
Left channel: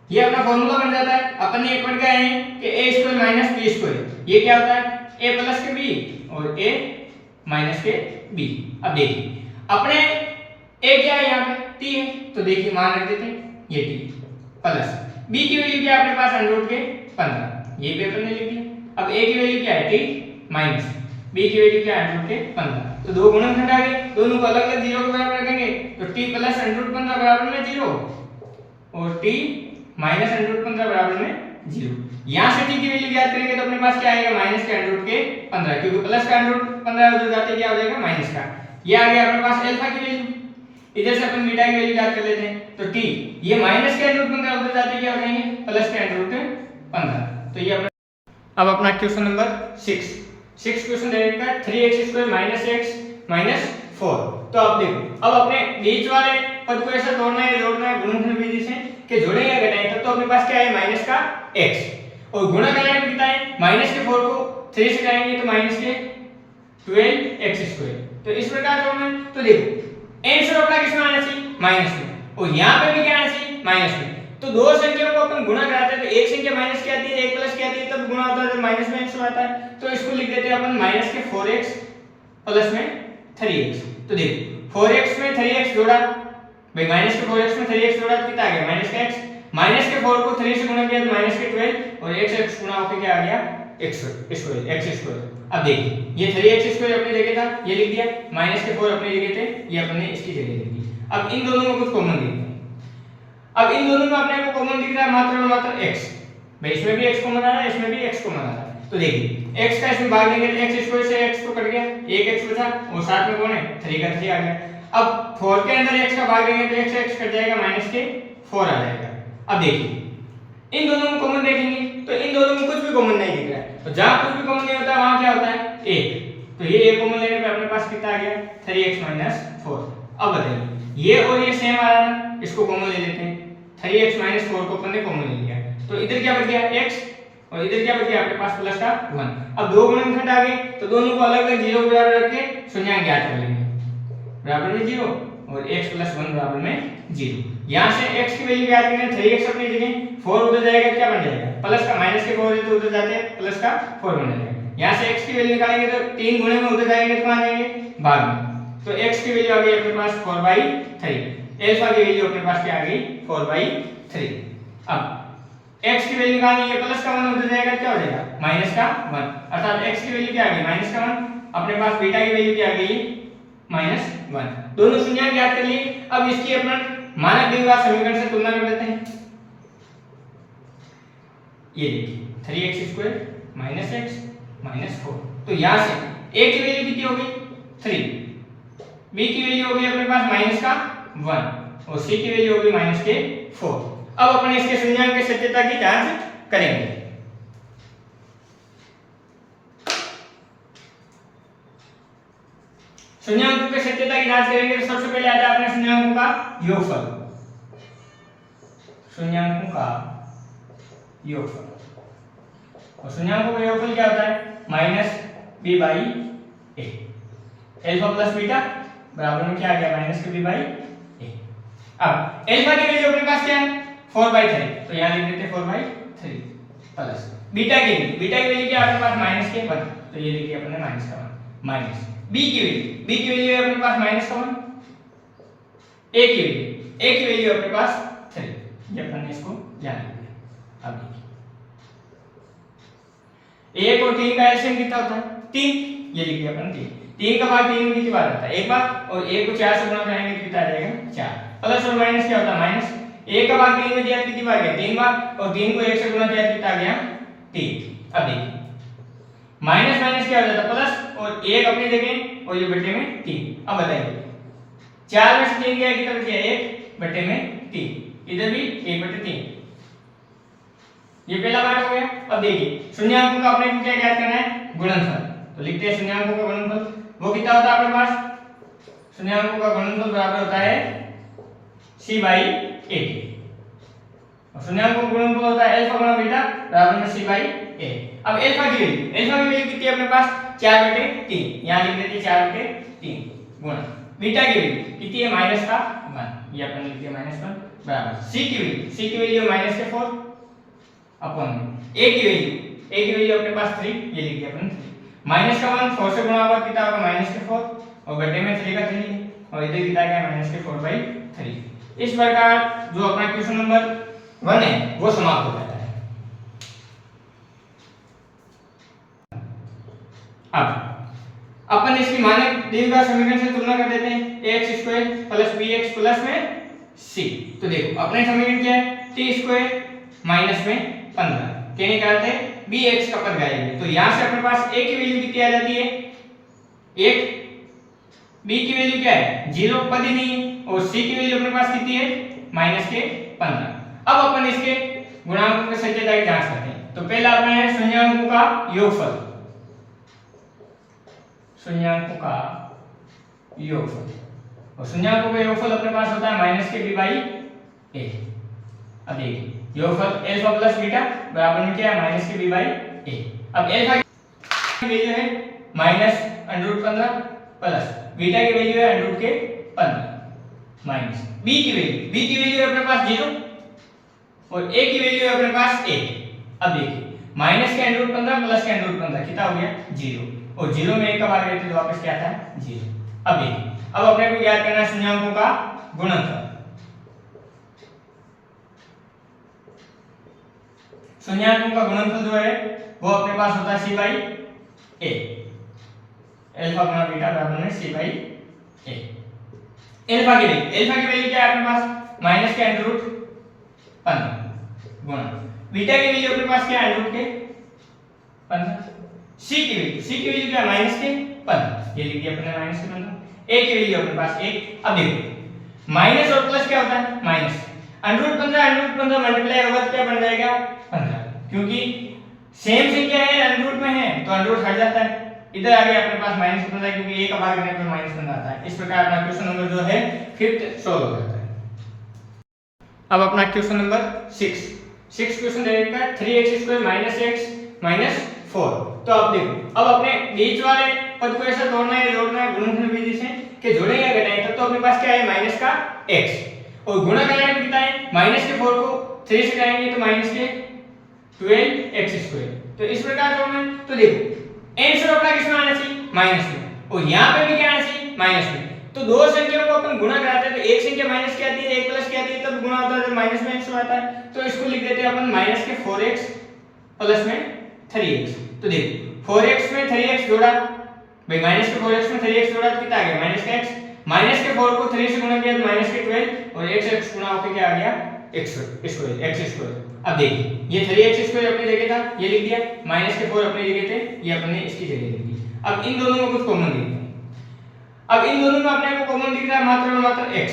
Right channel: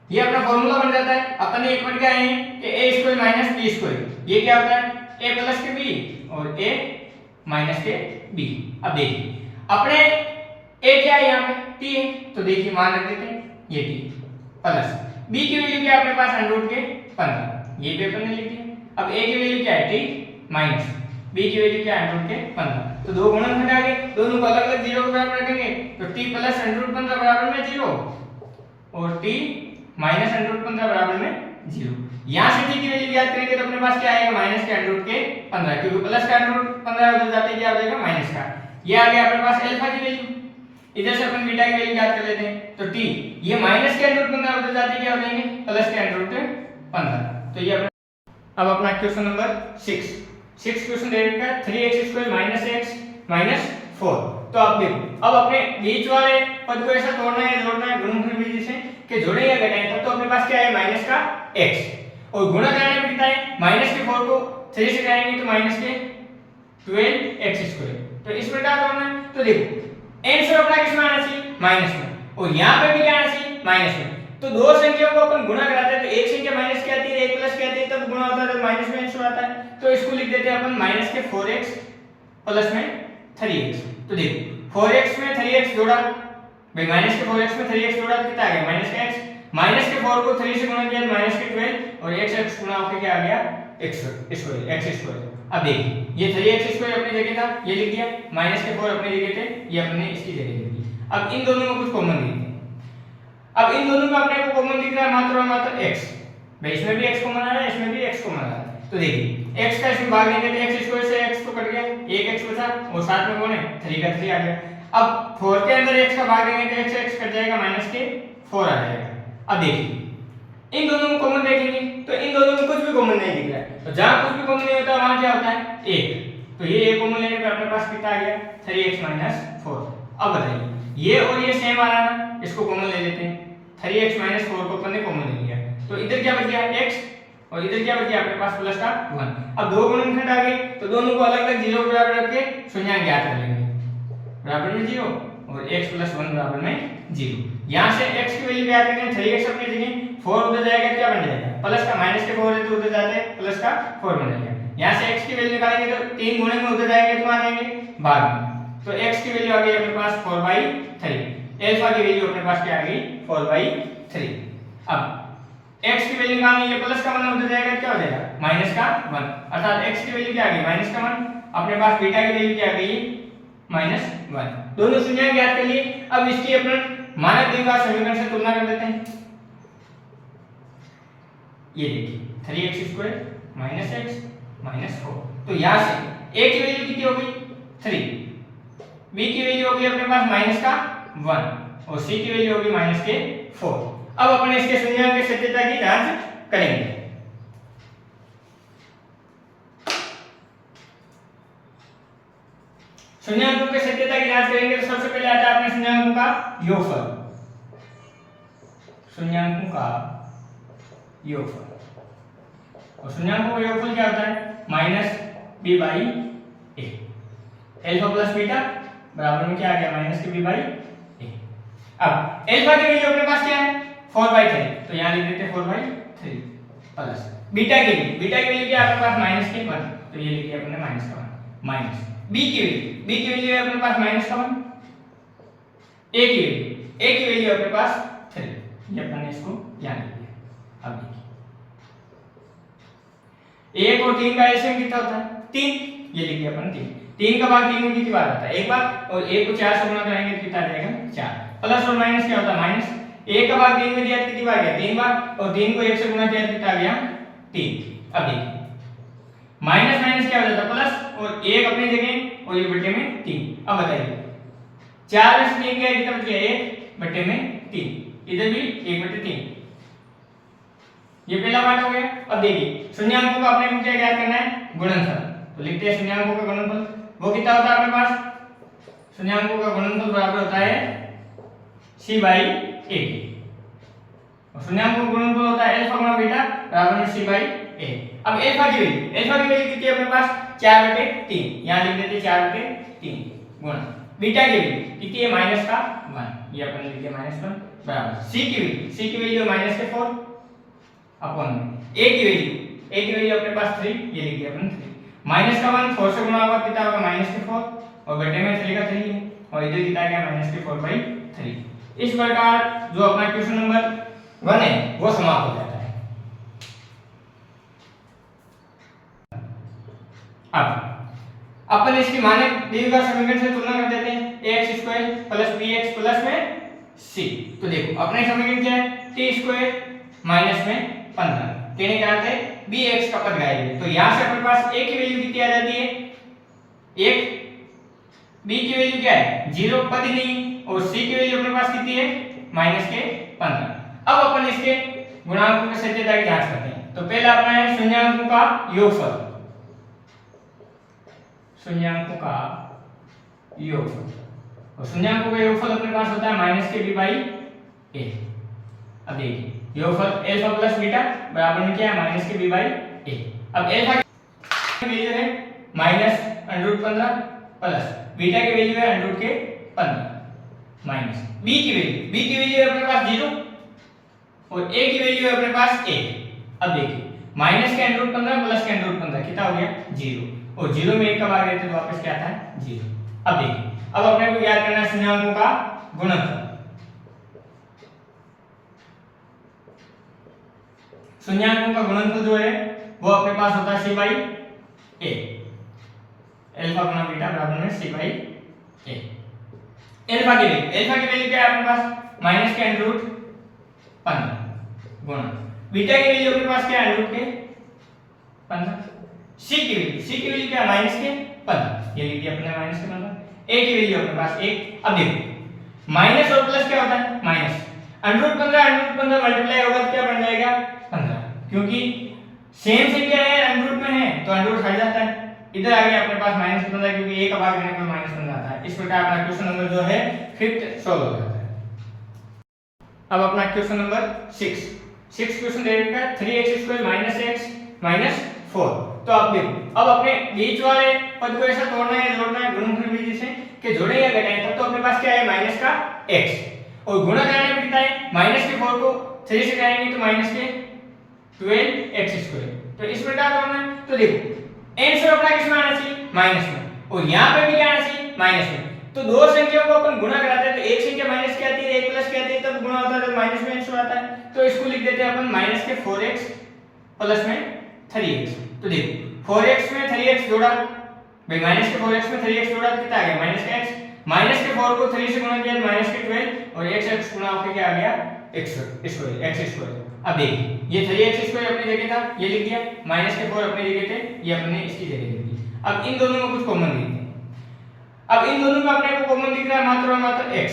ये अपना फार्मूला बन जाता है। अपन ने पढ़ के आए हैं कि a² - b²। ये क्या होता है? a + के b और a - के b। अब देखिए अपने a क्या है यहाँ पे? t है, तो देखिए मान रख देते हैं ये t प्लस b की वैल्यू क्या है अपने पास? √15। ये भी अपन ने लिख दिया। अब a की वैल्यू क्या है? t माइनस b की वैल्यू क्या है? √15। तो दो गुणनखंड आ गए, दोनों को अलग अलग 0 के बराबर रखेंगे तो t प्लस √15 बराबर में 0 और t माइनस √15 बराबर में 0। यहां से t की वैल्यू ज्ञात करेंगे तो अपने पास क्या आएगा? माइनस के √15, क्योंकि प्लस का √15 उधर जाते क्या हो जाएगा? माइनस का। ये आ गया अपने पास अल्फा की वैल्यू। इधर से अपन बीटा की वैल्यू ज्ञात कर लेते हैं तो t ये माइनस के √15 उधर जाते क्या हो जाएंगे? प्लस के √15। तो ये अब अपना क्वेश्चन नंबर 6 क्वेश्चन दे रखा है 3x² - x - 4। तो आप देखो अब अपने बीच वाले पद को ऐसा तोड़ना है, जोड़ना है गुणनखंड विधि से कि जोड़े या घटाएं। तब तो अपने पास क्या है? माइनस का x और गुणा करने में कितना है? -4 को 3 से घटाएंगे तो -12x²। तो इस प्रकार तोड़ना है। तो देखो आंसर अपना किस में आना चाहिए? माइनस में, और यहाँ पे भी क्या आना चाहिए? माइनस में। तो दो संख्या को अपन गुणा कराते हैं तो एक संख्या माइनस की आती है, एक प्लस की आती है, तब गुणा होता है तो माइनस में आंसर आता है। तो इसको लिख देते हैं अपन -4x प्लस में 3x। तो देखो 4x में 3x जोड़ा भाई, -4x में 3x जोड़ा तो कितना आ गया? -x। -4 को 3 से गुणा किया तो -12 और x गुणा होकर क्या आ गया? x²। अब देखिए ये 3x² अपनी जगह था, ये लिख दिया, -4 अपनी जगह थे, ये अपने इसकी जगह लिख दिया। अब इन दोनों में कुछ कॉमन दिखता है। अब इन दोनों में अपने को कॉमन दिख रहा है मात्र और मात्र x। भाई इसमें भी x कॉमन आ रहा है, इसमें भी x कॉमन आ रहा है। तो देखिए x का इसमें भाग देंगे तो x² से x तो कट गया, एक x बचा और साथ में कौन है? 3 का 3 आ गया। अब 4 के अंदर x का भाग देंगे तो x कट जाएगा, -4 आ जाएगा। अब देखिए इन दोनों में कॉमन देखेंगे तो इन दोनों में कुछ भी कॉमन नहीं दिख रहा है। तो जहां कुछ भी कॉमन नहीं होता है वहां क्या होता है? 1। तो ये एक कॉमन लेने पे अपने पास कितना आ गया? 3x - 4। अब बताइए ये और ये सेम आ रहा है ना, इसको कॉमन ले लेते हैं। 3x - 4 को अपन ने कॉमन ले लिया तो इधर क्या बच गया? x और इधर क्या बच गया अपने पास? प्लस का 1। अब दो गुणनखंड आ गए तो दोनों को अलग अलग 0 के बराबर रख के शून्य ज्ञात कर लेंगे। बराबर में 0 और x + 1 बराबर में 0। यहां से x की वैल्यू ज्ञात करें, 3x अपनी जगह, 4 उधर जाएगा, क्या बन जाएगा? प्लस का -4 तो उधर जाते प्लस का 4 बन जाएगा। यहां से x की वैल्यू निकालेंगे तो 3 गुणे में उधर जाएंगे तो कहां जाएंगे? भाग में। तो x की वैल्यू आ गई अपने पास 4/3। अल्फा की वैल्यू अपने पास क्या आ गई? 4/3। अब x की वैल्यू निकालनी है, प्लस का 1 उधर जाएगा, क्या हो जाएगा? -1। अर्थात x की वैल्यू क्या आ गई? -1। अपने पास बीटा की वैल्यू क्या आ गई? -1। दोनों शून्य ज्ञात कर लिए। अब इसकी अपन मानक द्विघात समीकरण से तुलना कर लेते हैं। ये देखिए 3x² - x - 4। तो यहां से a की वैल्यू कितनी हो गई? 3, b की वैल्यू हो गई अपने पास -1 और c की वैल्यू हो गई -4। अब अपने इसके शून्याङ्क की सत्यता की जांच करेंगे। शून्याङ्कों की सत्यता की जांच करेंगे तो सबसे पहले आता है अपने शून्याङ्कों का योगफल। शून्याङ्कों का योगफल, और शून्याङ्कों का योगफल क्या होता है? -b/a। अल्फा प्लस बीटा बराबर में क्या आ गया? -b/a। अब अल्फा की वैल्यू अपने पास क्या है 4/3, तो यहाँ लिख देते हैं 4/3 प्लस बीटा की वैल्यू क्या है आपके पास माइनस के 1, तो ये लिख दिया अपने माइनस का 1 माइनस बी की वैल्यू है अपने पास माइनस का 1, ए की वैल्यू अपने पास 3, ये अपन ने इसको ध्यान दिया। अब देखिए 1 और 3 का एलसीएम कितना होता है 3, ये लिख दिया अपन 3 का भाग 3 में कितनी बार आता है एक बार, और 1 को 4 से गुणा करेंगे तो कितना आ जाएगा 4, प्लस और माइनस क्या होता है माइनस, 1 का भाग 3 में दिया कितनी बार गया 3 बार, और 3 को 1 से गुणा किया कितना आ गया 3। अब देखिए माइनस माइनस क्या हो जाता है प्लस, और 1 अपनी जगह और ये बटे में 3। अब बताइए 4 में से 3 गया कितना बच गया 1 बटे में 3, इधर भी 1 बटे 3, ये पहला पार्ट हो गया। अब देखिए शून्याङ्कों का अपने को क्या ज्ञात करना है गुणनफल, तो लिखते हैं शून्याङ्कों का गुणनफल, वो कितना होता है अपने पास, शून्याङ्कों का गुणनफल बराबर होता है c/a, और शून्याङ्कों का गुणनफल होता है अल्फा गुणा बीटा बराबर में c/a। अब अल्फा की वैल्यू कितनी है अपने पास 4/3, यहाँ लिख देते हैं 4/3 गुणा बीटा की वैल्यू कितनी है माइनस का 1, ये अपन लिख दिया -1 बराबर c की वैल्यू माइनस के 4 अपॉन में a की वैल्यू अपने पास 3, ये लिख दिया अपन 3, माइनस का 1 4 से गुणा होगा कितना होगा -4, और बटे में 3 का 3 है, और इधर कितना क्या -4/3। इस प्रकार जो अपना क्वेश्चन नंबर 1 है वो समाप्त हो जाता है। अब अपन इसकी मानक द्विघात समीकरण से तुलना कर देते हैं ax² + bx प्लस में c। तो देखो अपने समीकरण क्या है t² माइनस में 15 कहने का अर्थ है bx का पद गायब है, तो यहां से अपने पास a की वैल्यू कितनी आ जाती है 1, b की वैल्यू क्या है 0 पद ही नहीं, और c की वैल्यू अपने पास कितनी है -15। अब अपन इसके गुणांकों के सत्यता की जांच करते हैं। तो पहला अपना है शून्याङ्कों का योगफल, शून्याङ्कों का योगफल, और शून्याङ्कों का योगफल अपने पास होता है -b/a। अब देखिए योगफल अल्फा प्लस बीटा बराबर में क्या है -b/a। अब अल्फा की वैल्यू है -√15 प्लस बीटा की वैल्यू है √15 माइनस b की वैल्यू है अपने पास 0, और a की वैल्यू है अपने पास 1। अब देखिए माइनस के √15 प्लस के √15 कितना हो गया 0, और 0 में 1 का भाग देते तो वापस क्या आता है 0। अब देखिए अब अपने को ज्ञात करना है शून्याङ्कों का गुणनफल। शून्याङ्कों का गुणनफल जो है वो अपने पास होता है c/a, अल्फा गुणा बीटा बराबर में c/a। अल्फा की वैल्यू क्या है अपने पास माइनस के √15 गुणा बीटा की वैल्यू अपने पास क्या है √15, c की वैल्यू क्या है माइनस के 15, ये लिख दिया अपने -15, a की वैल्यू अपने पास 1। अब देखो माइनस और प्लस क्या होता है माइनस, √15 मल्टीप्लाई होगा तो क्या बन जाएगा 15, क्योंकि सेम संख्या है अंडर में है तो अंडर हट जाता है, इधर आ गया अपने पास -15 क्योंकि a का भाग देने पर -15 आता है। इस प्रकार अपना क्वेश्चन नंबर जो है 5th सॉल्व हो जाता है। अब अपना क्वेश्चन नंबर 6 क्वेश्चन दे रखा है 3x² - x - 4। तो आप देखो अब अपने बीच वाले पद को ऐसा जोड़ना है गुणनफल विधि से कि जोड़े या घटाएं, तब तो अपने पास क्या है माइनस का x, और गुणा करने में कितना है -4 को 3 से करेंगे तो -12x²। तो इस प्रकार करना है। तो देखो आंसर अपना किसमें आना चाहिए माइनस में, और यहां पे भी क्या आना चाहिए माइनस में। तो दो संख्याओं को अपन गुणा कराते हैं तो एक संख्या माइनस की आती है एक प्लस की आती है, तब गुणा होता है तो माइनस में आंसर आता है। तो इसको लिख देते हैं अपन -4x प्लस में 3x। तो देखो 4x में 3x जोड़ा भाई -4x में 3x जोड़ा तो कितना आ गया -x, -4 को 3 से गुणा किया तो -12 और x गुणा होकर क्या आ गया x²। अब देखिए ये 3x² अपनी जगह था ये लिख दिया, -4 अपनी जगह थे ये अपने इसकी जगह लिख दिया। अब इन दोनों में कुछ कॉमन दिख रहा है, अब इन दोनों में अपने को कॉमन दिख रहा है मात्र और मात्र x,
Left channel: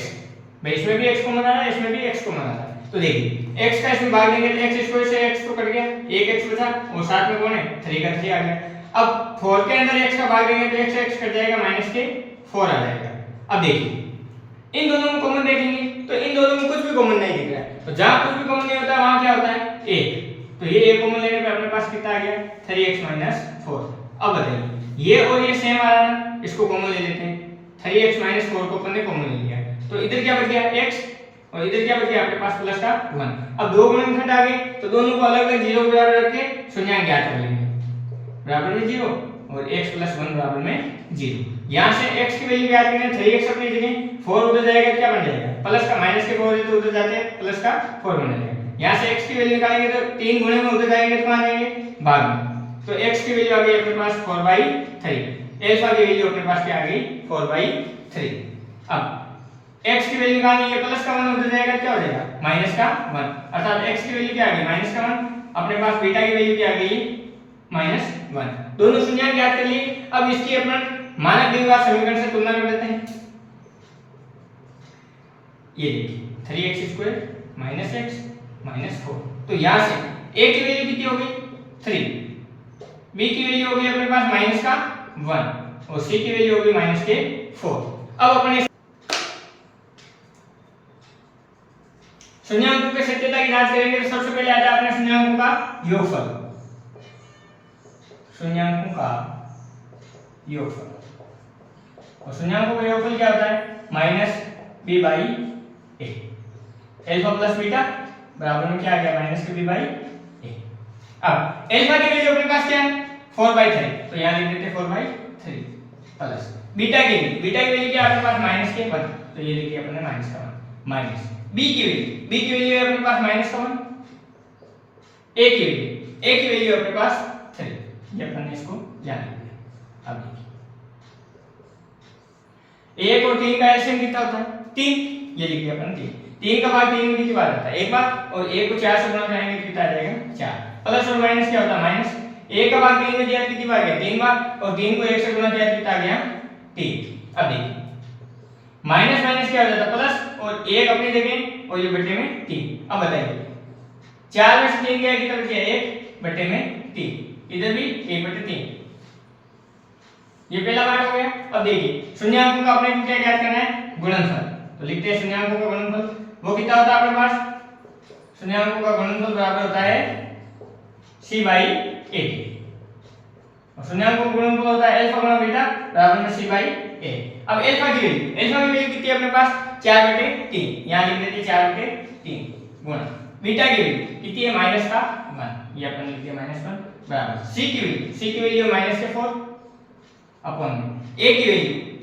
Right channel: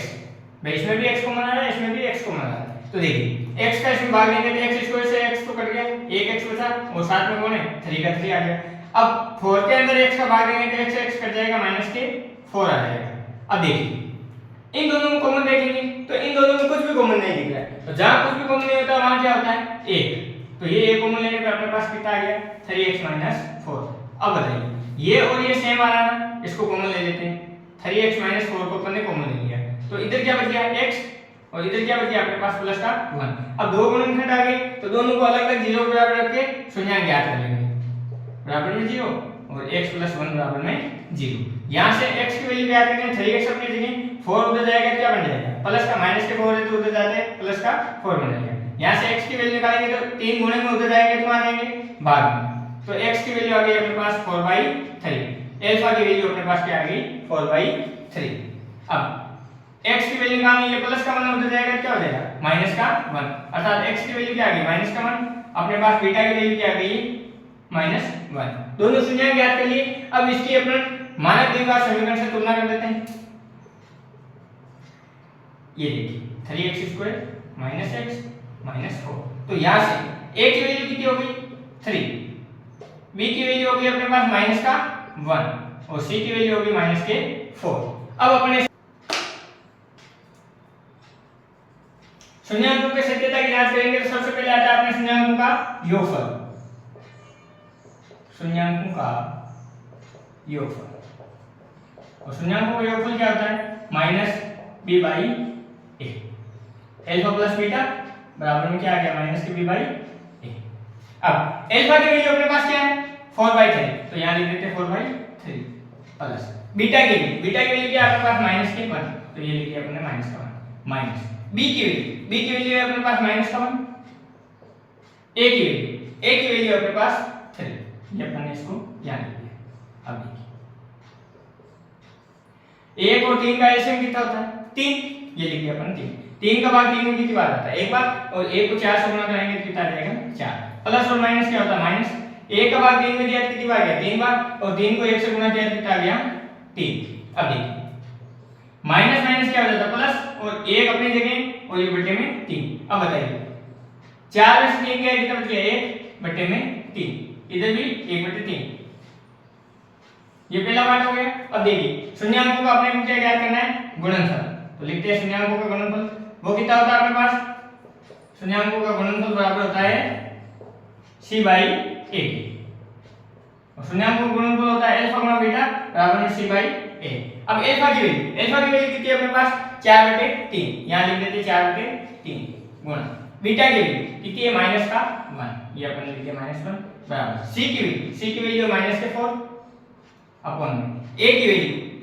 भाई इसमें भी x कॉमन आ रहा है इसमें भी x कॉमन आ रहा है। तो देखिए x का इसमें भाग देंगे तो x² से x तो कट गया, एक x बचा और साथ में कौन है 3 का 3 आ गया। अब 4 के अंदर x का भाग देंगे तो x से x कट जाएगा -4 आ जाएगा। अब देखिए इन दोनों में कॉमन देखेंगे तो इन दोनों में कुछ भी कॉमन नहीं दिख रहा है, तो जहां कुछ भी कॉमन नहीं होता है वहां क्या होता है 1। तो ये एक कॉमन लेने पे अपने पास कितना आ गया 3x - 4। अब बताइए ये और ये सेम आ रहा है ना, इसको कॉमन ले लेते हैं, 3x - 4 को अपन ने कॉमन ले लिया तो इधर क्या बच गया x और इधर क्या बच गया आपके पास प्लस का 1। अब दो गुणनखंड आ गए तो दोनों को अलग अलग 0 बराबर रख के शून्य ज्ञात कर लेंगे। बराबर में 0 और x + 1 बराबर में 0। यहां से x की वैल्यू ज्ञात करें 3x अपनी जगह 4 उधर जाएगा क्या बन जाएगा प्लस का माइनस के 4 है तो उधर जाते हैं प्लस का 4 बन जाएगा। यहां से x की वैल्यू निकालेंगे तो 3 गुणे में उधर जाएंगे तो कहां जाएंगे भाग में। तो x की वैल्यू आ गई अपने पास 4/3। अल्फा की वैल्यू अपने पास क्या आ गई 4/3। अब x की वैल्यू निकालेंगे ये प्लस का 1 उधर जाएगा क्या हो जाएगा माइनस का 1 अर्थात x की वैल्यू क्या आ गई माइनस का 1। अपने पास बीटा की वैल्यू क्या आ गई -1। दोनों शून्य ज्ञात कर लिए। अब इसकी अपन मानक द्विघात समीकरण से तुलना कर लेते हैं। ये देखिए 3x² - x - 4। तो यहां से a की वैल्यू कितनी हो गई 3, b की वैल्यू हो गई अपने पास माइनस का 1 और c की वैल्यू हो गई -4। अब अपने शून्याङ्कों की सत्यता की जांच करेंगे तो सबसे पहले आता है अपने शून्याङ्कों का योगफल। शून्याङ्कों का योगफल और शून्याङ्कों का योगफल क्या होता है -b/a। अल्फा प्लस बीटा बराबर में क्या आ गया -b/a। अब अल्फा की वैल्यू अपने पास क्या है 4/3 तो यहां लिख देते हैं 4/3 प्लस बीटा की वैल्यू क्या है आपके पास -1 तो ये लिख दिया अपने -1 माइनस b की वैल्यू है अपने पास -1। a की वैल्यू अपने पास 3 ये अपन ने इसको जान लिया। अब देखिए 1 और 3 का एलसीएम कितना होता है 3 ये लिख दिया अपन 3 का भाग 3 में कितनी बार आता है एक बार और 1 को 4 से गुणा करेंगे तो कितना आ जाएगा 4। प्लस और माइनस क्या होता है माइनस 1 का भाग 3 में दिया कितनी बार गया 3 बार और 3 को 1 से गुणा किया कितना आ गया 3। अब देखिए माइनस माइनस क्या हो जाता है प्लस और 1 अपनी जगह और ये बटे में 3। अब बताइए 4 में से 3 गया कितना बच गया 1 बटे में 3 इधर भी 1/3 ये पहला पार्ट हो गया। अब देखिए शून्याङ्कों का अपने क्या ज्ञात करना है गुणनफल तो लिखते हैं शून्याङ्कों का गुणनफल वो कितना होता है आपके पास शून्याङ्कों का गुणनफल बराबर होता है c/a और शून्याङ्कों का गुणनफल होता है अल्फा गुणा बीटा बराबर में c/a। अब अल्फा की वैल्यू कितनी है अपने पास 4/3 यहां लिख देते हैं 4/3 गुणा बीटा की वैल्यू कितनी है -1 ये अपन लिख दिया -1 बराबर c की वैल्यू -4 अपॉन a की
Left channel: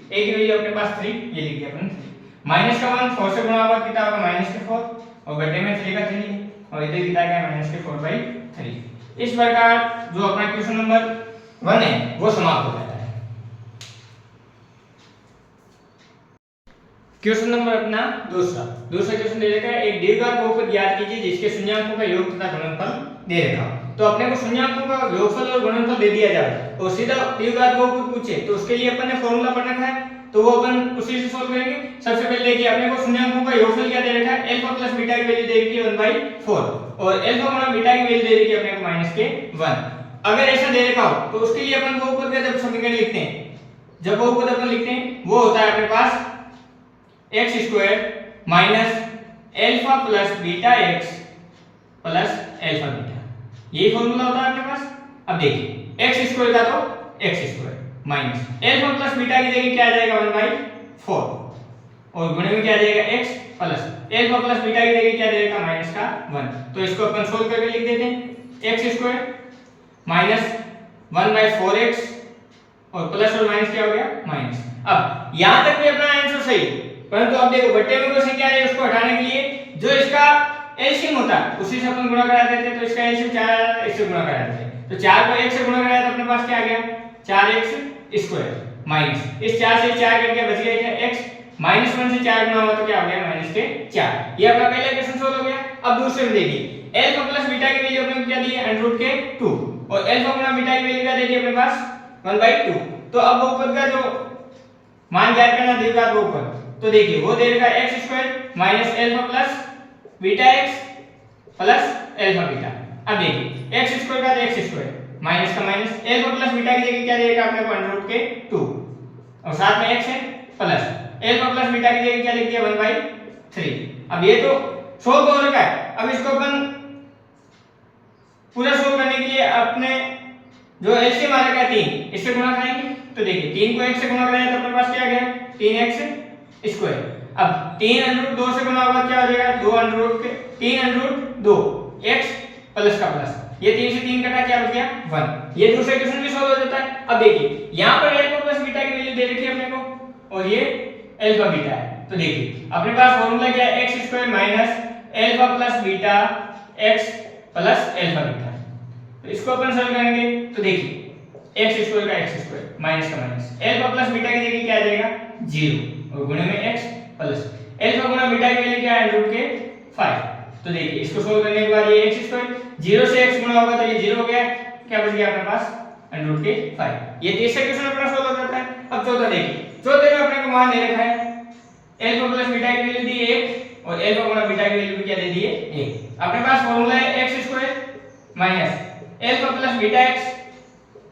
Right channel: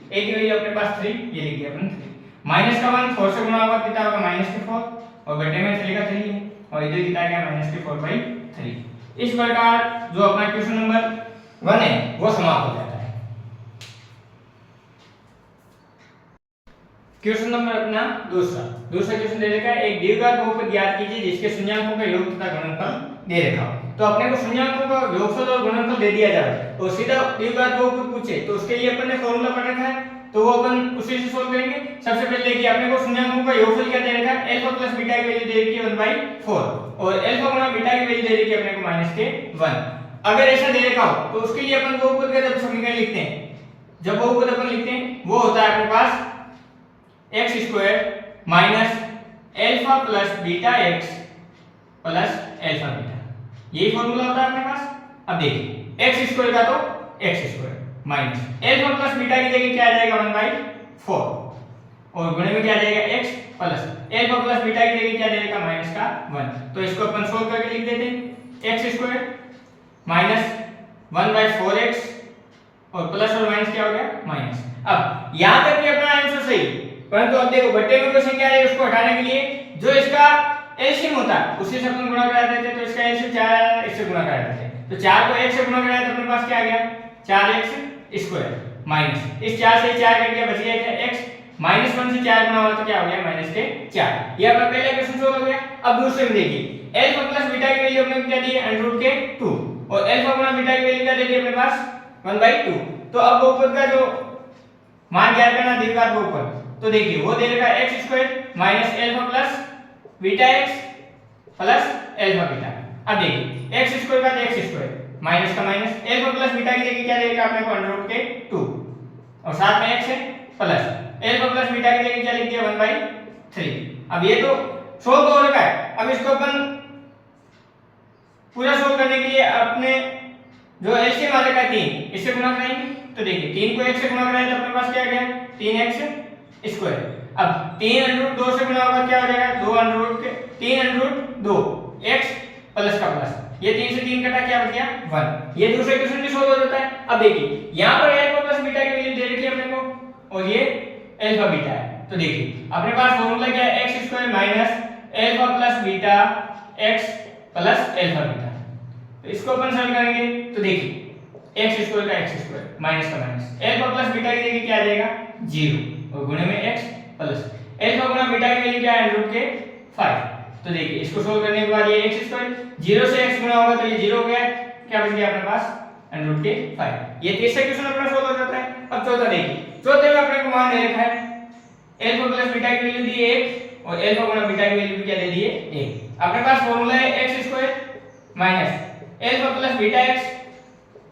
वैल्यू अपने पास 3 ये लिख दिया अपन 3 -1 4 से गुणा होगा कितना होगा -4 और बटे में 3 का 3 है और इधर कितना गया -4/3। इस प्रकार जो अपना क्वेश्चन नंबर 1 है वो समाप्त हो जाता है। क्वेश्चन नंबर अपना दूसरा क्वेश्चन दे रखा है एक द्विघात बहुपद ज्ञात कीजिए जिसके शून्याङ्कों का योग तथा गुणनफल दे रखा हो। तो अपने को शून्याङ्कों का योगफल और गुणनफल दे दिया जाए और सीधा द्विघात बहुपद पूछे तो उसके लिए अपन ने फॉर्मूला पढ़ रखा है तो वो अपन उसी से सोल्व करेंगे। सबसे पहले देखिए अपने को शून्याङ्कों का योगफल क्या दे रखा है अल्फा प्लस बीटा की वैल्यू दे रखी है 1/4 और अल्फा गुणा बीटा की वैल्यू दे रखी है अपने को -1। अगर ऐसा दे रखा हो तो उसके लिए अपन बहुपद का जब समीकरण लिखते हैं जब बहुपद अपन लिखते हैं वो होता है अपने पास x² minus alpha plus beta x plus alpha beta यही फॉर्मूला होता है अपने पास। अब देखिए x² का तो x² minus alpha plus beta की जगह क्या आ जाएगा 1/4 और गुणे में क्या आ जाएगा x plus alpha plus beta की जगह क्या आ जाएगा -1 तो इसको अपन सोल्व करके लिख देते हैं x² माइनस 1/4x और प्लस और माइनस क्या हो गया माइनस। अब यहां तक भी अपना आंसर सही परंतु अब देखो बटे में कोई संख्या है उसको हटाने के लिए जो इसका एलसीएम होता है उसी से अपन गुणा करा देते तो इसका एलसीएम 4 इससे गुणा करा देते तो 4 को 1 से गुणा कराया तो अपने पास क्या आ गया 4x² माइनस इस 4 से 4 कट गया बच गया क्या x -1 से 4 गुणा हुआ तो क्या हो गया -4। ये अपना पहला क्वेश्चन सोल्व हो गया। अब दूसरे में देखिए अल्फा प्लस बीटा की वैल्यू अपने को क्या दी है √2 और अल्फा गुणा बीटा की वैल्यू क्या दे दी अपने पास 1/2। तो अब बहुपद का जो मान ज्ञात करना द्विघात बहुपद तो देखिए वो दे रखा है x² minus alpha plus beta x plus alpha beta. अब देखिए x² का तो x² माइनस का माइनस अल्फा प्लस बीटा की जगह क्या दे रखा है आपने को √2 और साथ में x है प्लस अल्फा प्लस बीटा की जगह क्या लिख दिया 1/3। अब ये तो सोल्व हो रखा है। अब इसको अपन पूरा सोल्व करने के लिए अपने जो एलसीएम आ रखा है 3 इससे गुणा करेंगे तो देखिए 3 को 1 से गुणा कराया तो अपने पास क्या आ गया 3x²। अब 3 अंडर रूट 2 से गुणा होगा क्या हो जाएगा 2 अंडर रूट के 3 अंडर रूट 2 x प्लस का प्लस, ये 3 से 3 कटा क्या बच गया 1। ये दूसरे क्वेश्चन भी सोल्व हो जाता है। अब देखिए यहां पर अल्फा प्लस बीटा की वैल्यू दे रखी है अपने को और ये अल्फा बीटा है। तो देखिए अपने पास फार्मूला क्या है x² minus alpha plus beta x plus alpha beta. तो इसको अपन सॉल्व करेंगे तो देखिए x² का x² माइनस का माइनस, अल्फा प्लस बीटा की जगह क्या आ जाएगा 0 और गुणे में x प्लस अल्फा गुणा बीटा की वैल्यू क्या है रूट के 5। तो देखिए इसको सोल्व करने के बाद ये x² 0 से x गुणा होगा तो ये 0 हो गया, क्या बच गया अपने पास रूट के 5। ये तीसरा क्वेश्चन अपना सोल्व हो जाता है। अब चौथा देखिए, चौथे में अपने को मान दे रखा है अल्फा प्लस बीटा की वैल्यू दी 1 और अल्फा गुणा बीटा की वैल्यू क्या दे दी है 1। अपने पास फार्मूला है x² minus alpha plus beta x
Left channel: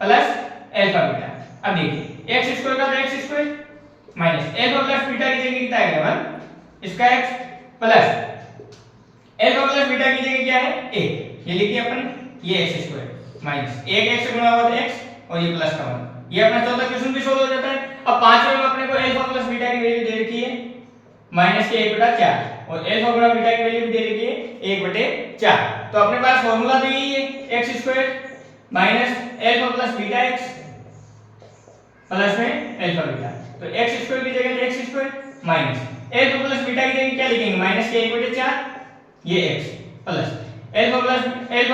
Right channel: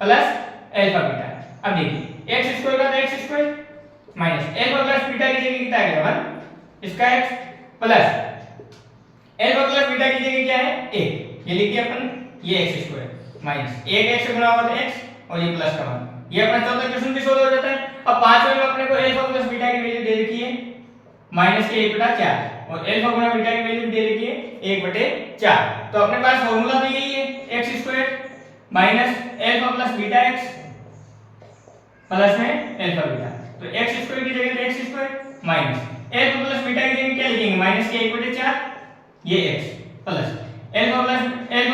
plus alpha beta. अब देखिए x² का तो x² minus alpha plus beta की जगह कितना आ गया 1 इसका x plus alpha plus beta की जगह क्या है 1, ये लिखिए अपन ये x² माइनस 1 x से गुणा होगा तो x और ये प्लस का 1। ये अपना चौथा क्वेश्चन भी सोल्व हो जाता है। अब पांचवें में अपने को अल्फा प्लस बीटा की वैल्यू दे रखी है माइनस के 1/4 और अल्फा गुणा बीटा की वैल्यू दे रखी है 1/4। तो अपने पास फार्मूला तो यही है x² minus alpha plus beta x plus में अल्फा बीटा। तो x² की जगह x² minus alpha plus beta की जगह क्या लिखेंगे माइनस के 1/4 ये x प्लस अल्फा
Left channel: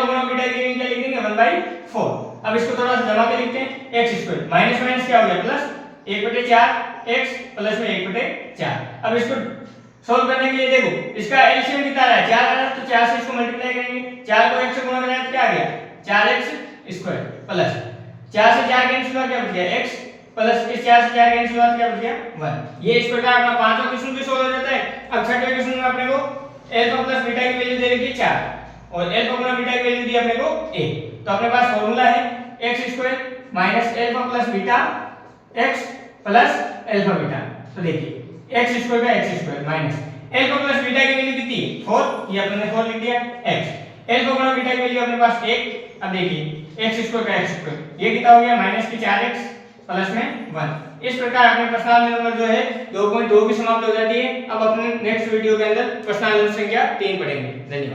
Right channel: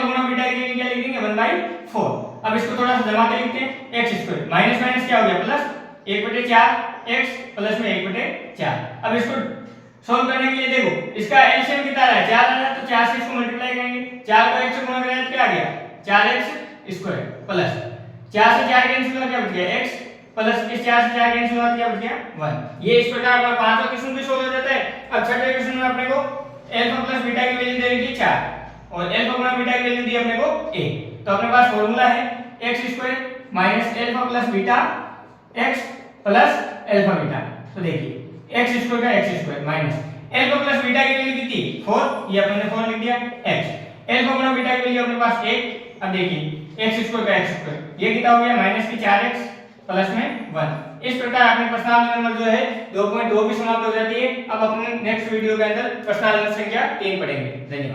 गुणा बीटा की जगह क्या लिखेंगे 1/4। अब इसको थोड़ा सा जमा के लिखते हैं x² माइनस माइनस क्या हो गया प्लस 1/4 x प्लस में 1/4। अब इसको सोल्व करने के लिए देखो इसका एलसीएम कितना आ रहा है 4 आ रहा है, तो 4 से इसको मल्टीप्लाई करेंगे, 4 को x से गुणा करें तो क्या आ गया 4x² प्लस 4 से 4 कैंसिल हुआ क्या बच गया x प्लस इस 4 से 4 कैंसिल हुआ क्या बच गया 1। ये इस प्रकार अपना पांचवा क्वेश्चन भी सोल्व हो जाता है। अब छठे क्वेश्चन में अपने को अल्फा प्लस बीटा की वैल्यू दे रखी है 4 और अल्फा गुणा बीटा की वैल्यू दी अपने को 1। तो अपने पास फार्मूला है x² minus alpha plus beta x plus alpha beta. तो देखिए x² का x² minus alpha plus beta की वैल्यू कितनी 4, ये अपन ने 4 लिख दिया x अल्फा गुणा बीटा की वैल्यू अपने पास 1। अब देखिए x² का x² ये कितना हो गया माइनस की 4x प्लस में 1। इस प्रकार अपने प्रश्नावली नंबर जो है 2.2 भी समाप्त हो जाती है। अब अपने नेक्स्ट वीडियो के अंदर प्रश्नावली संख्या 3 पढ़ेंगे। धन्यवाद।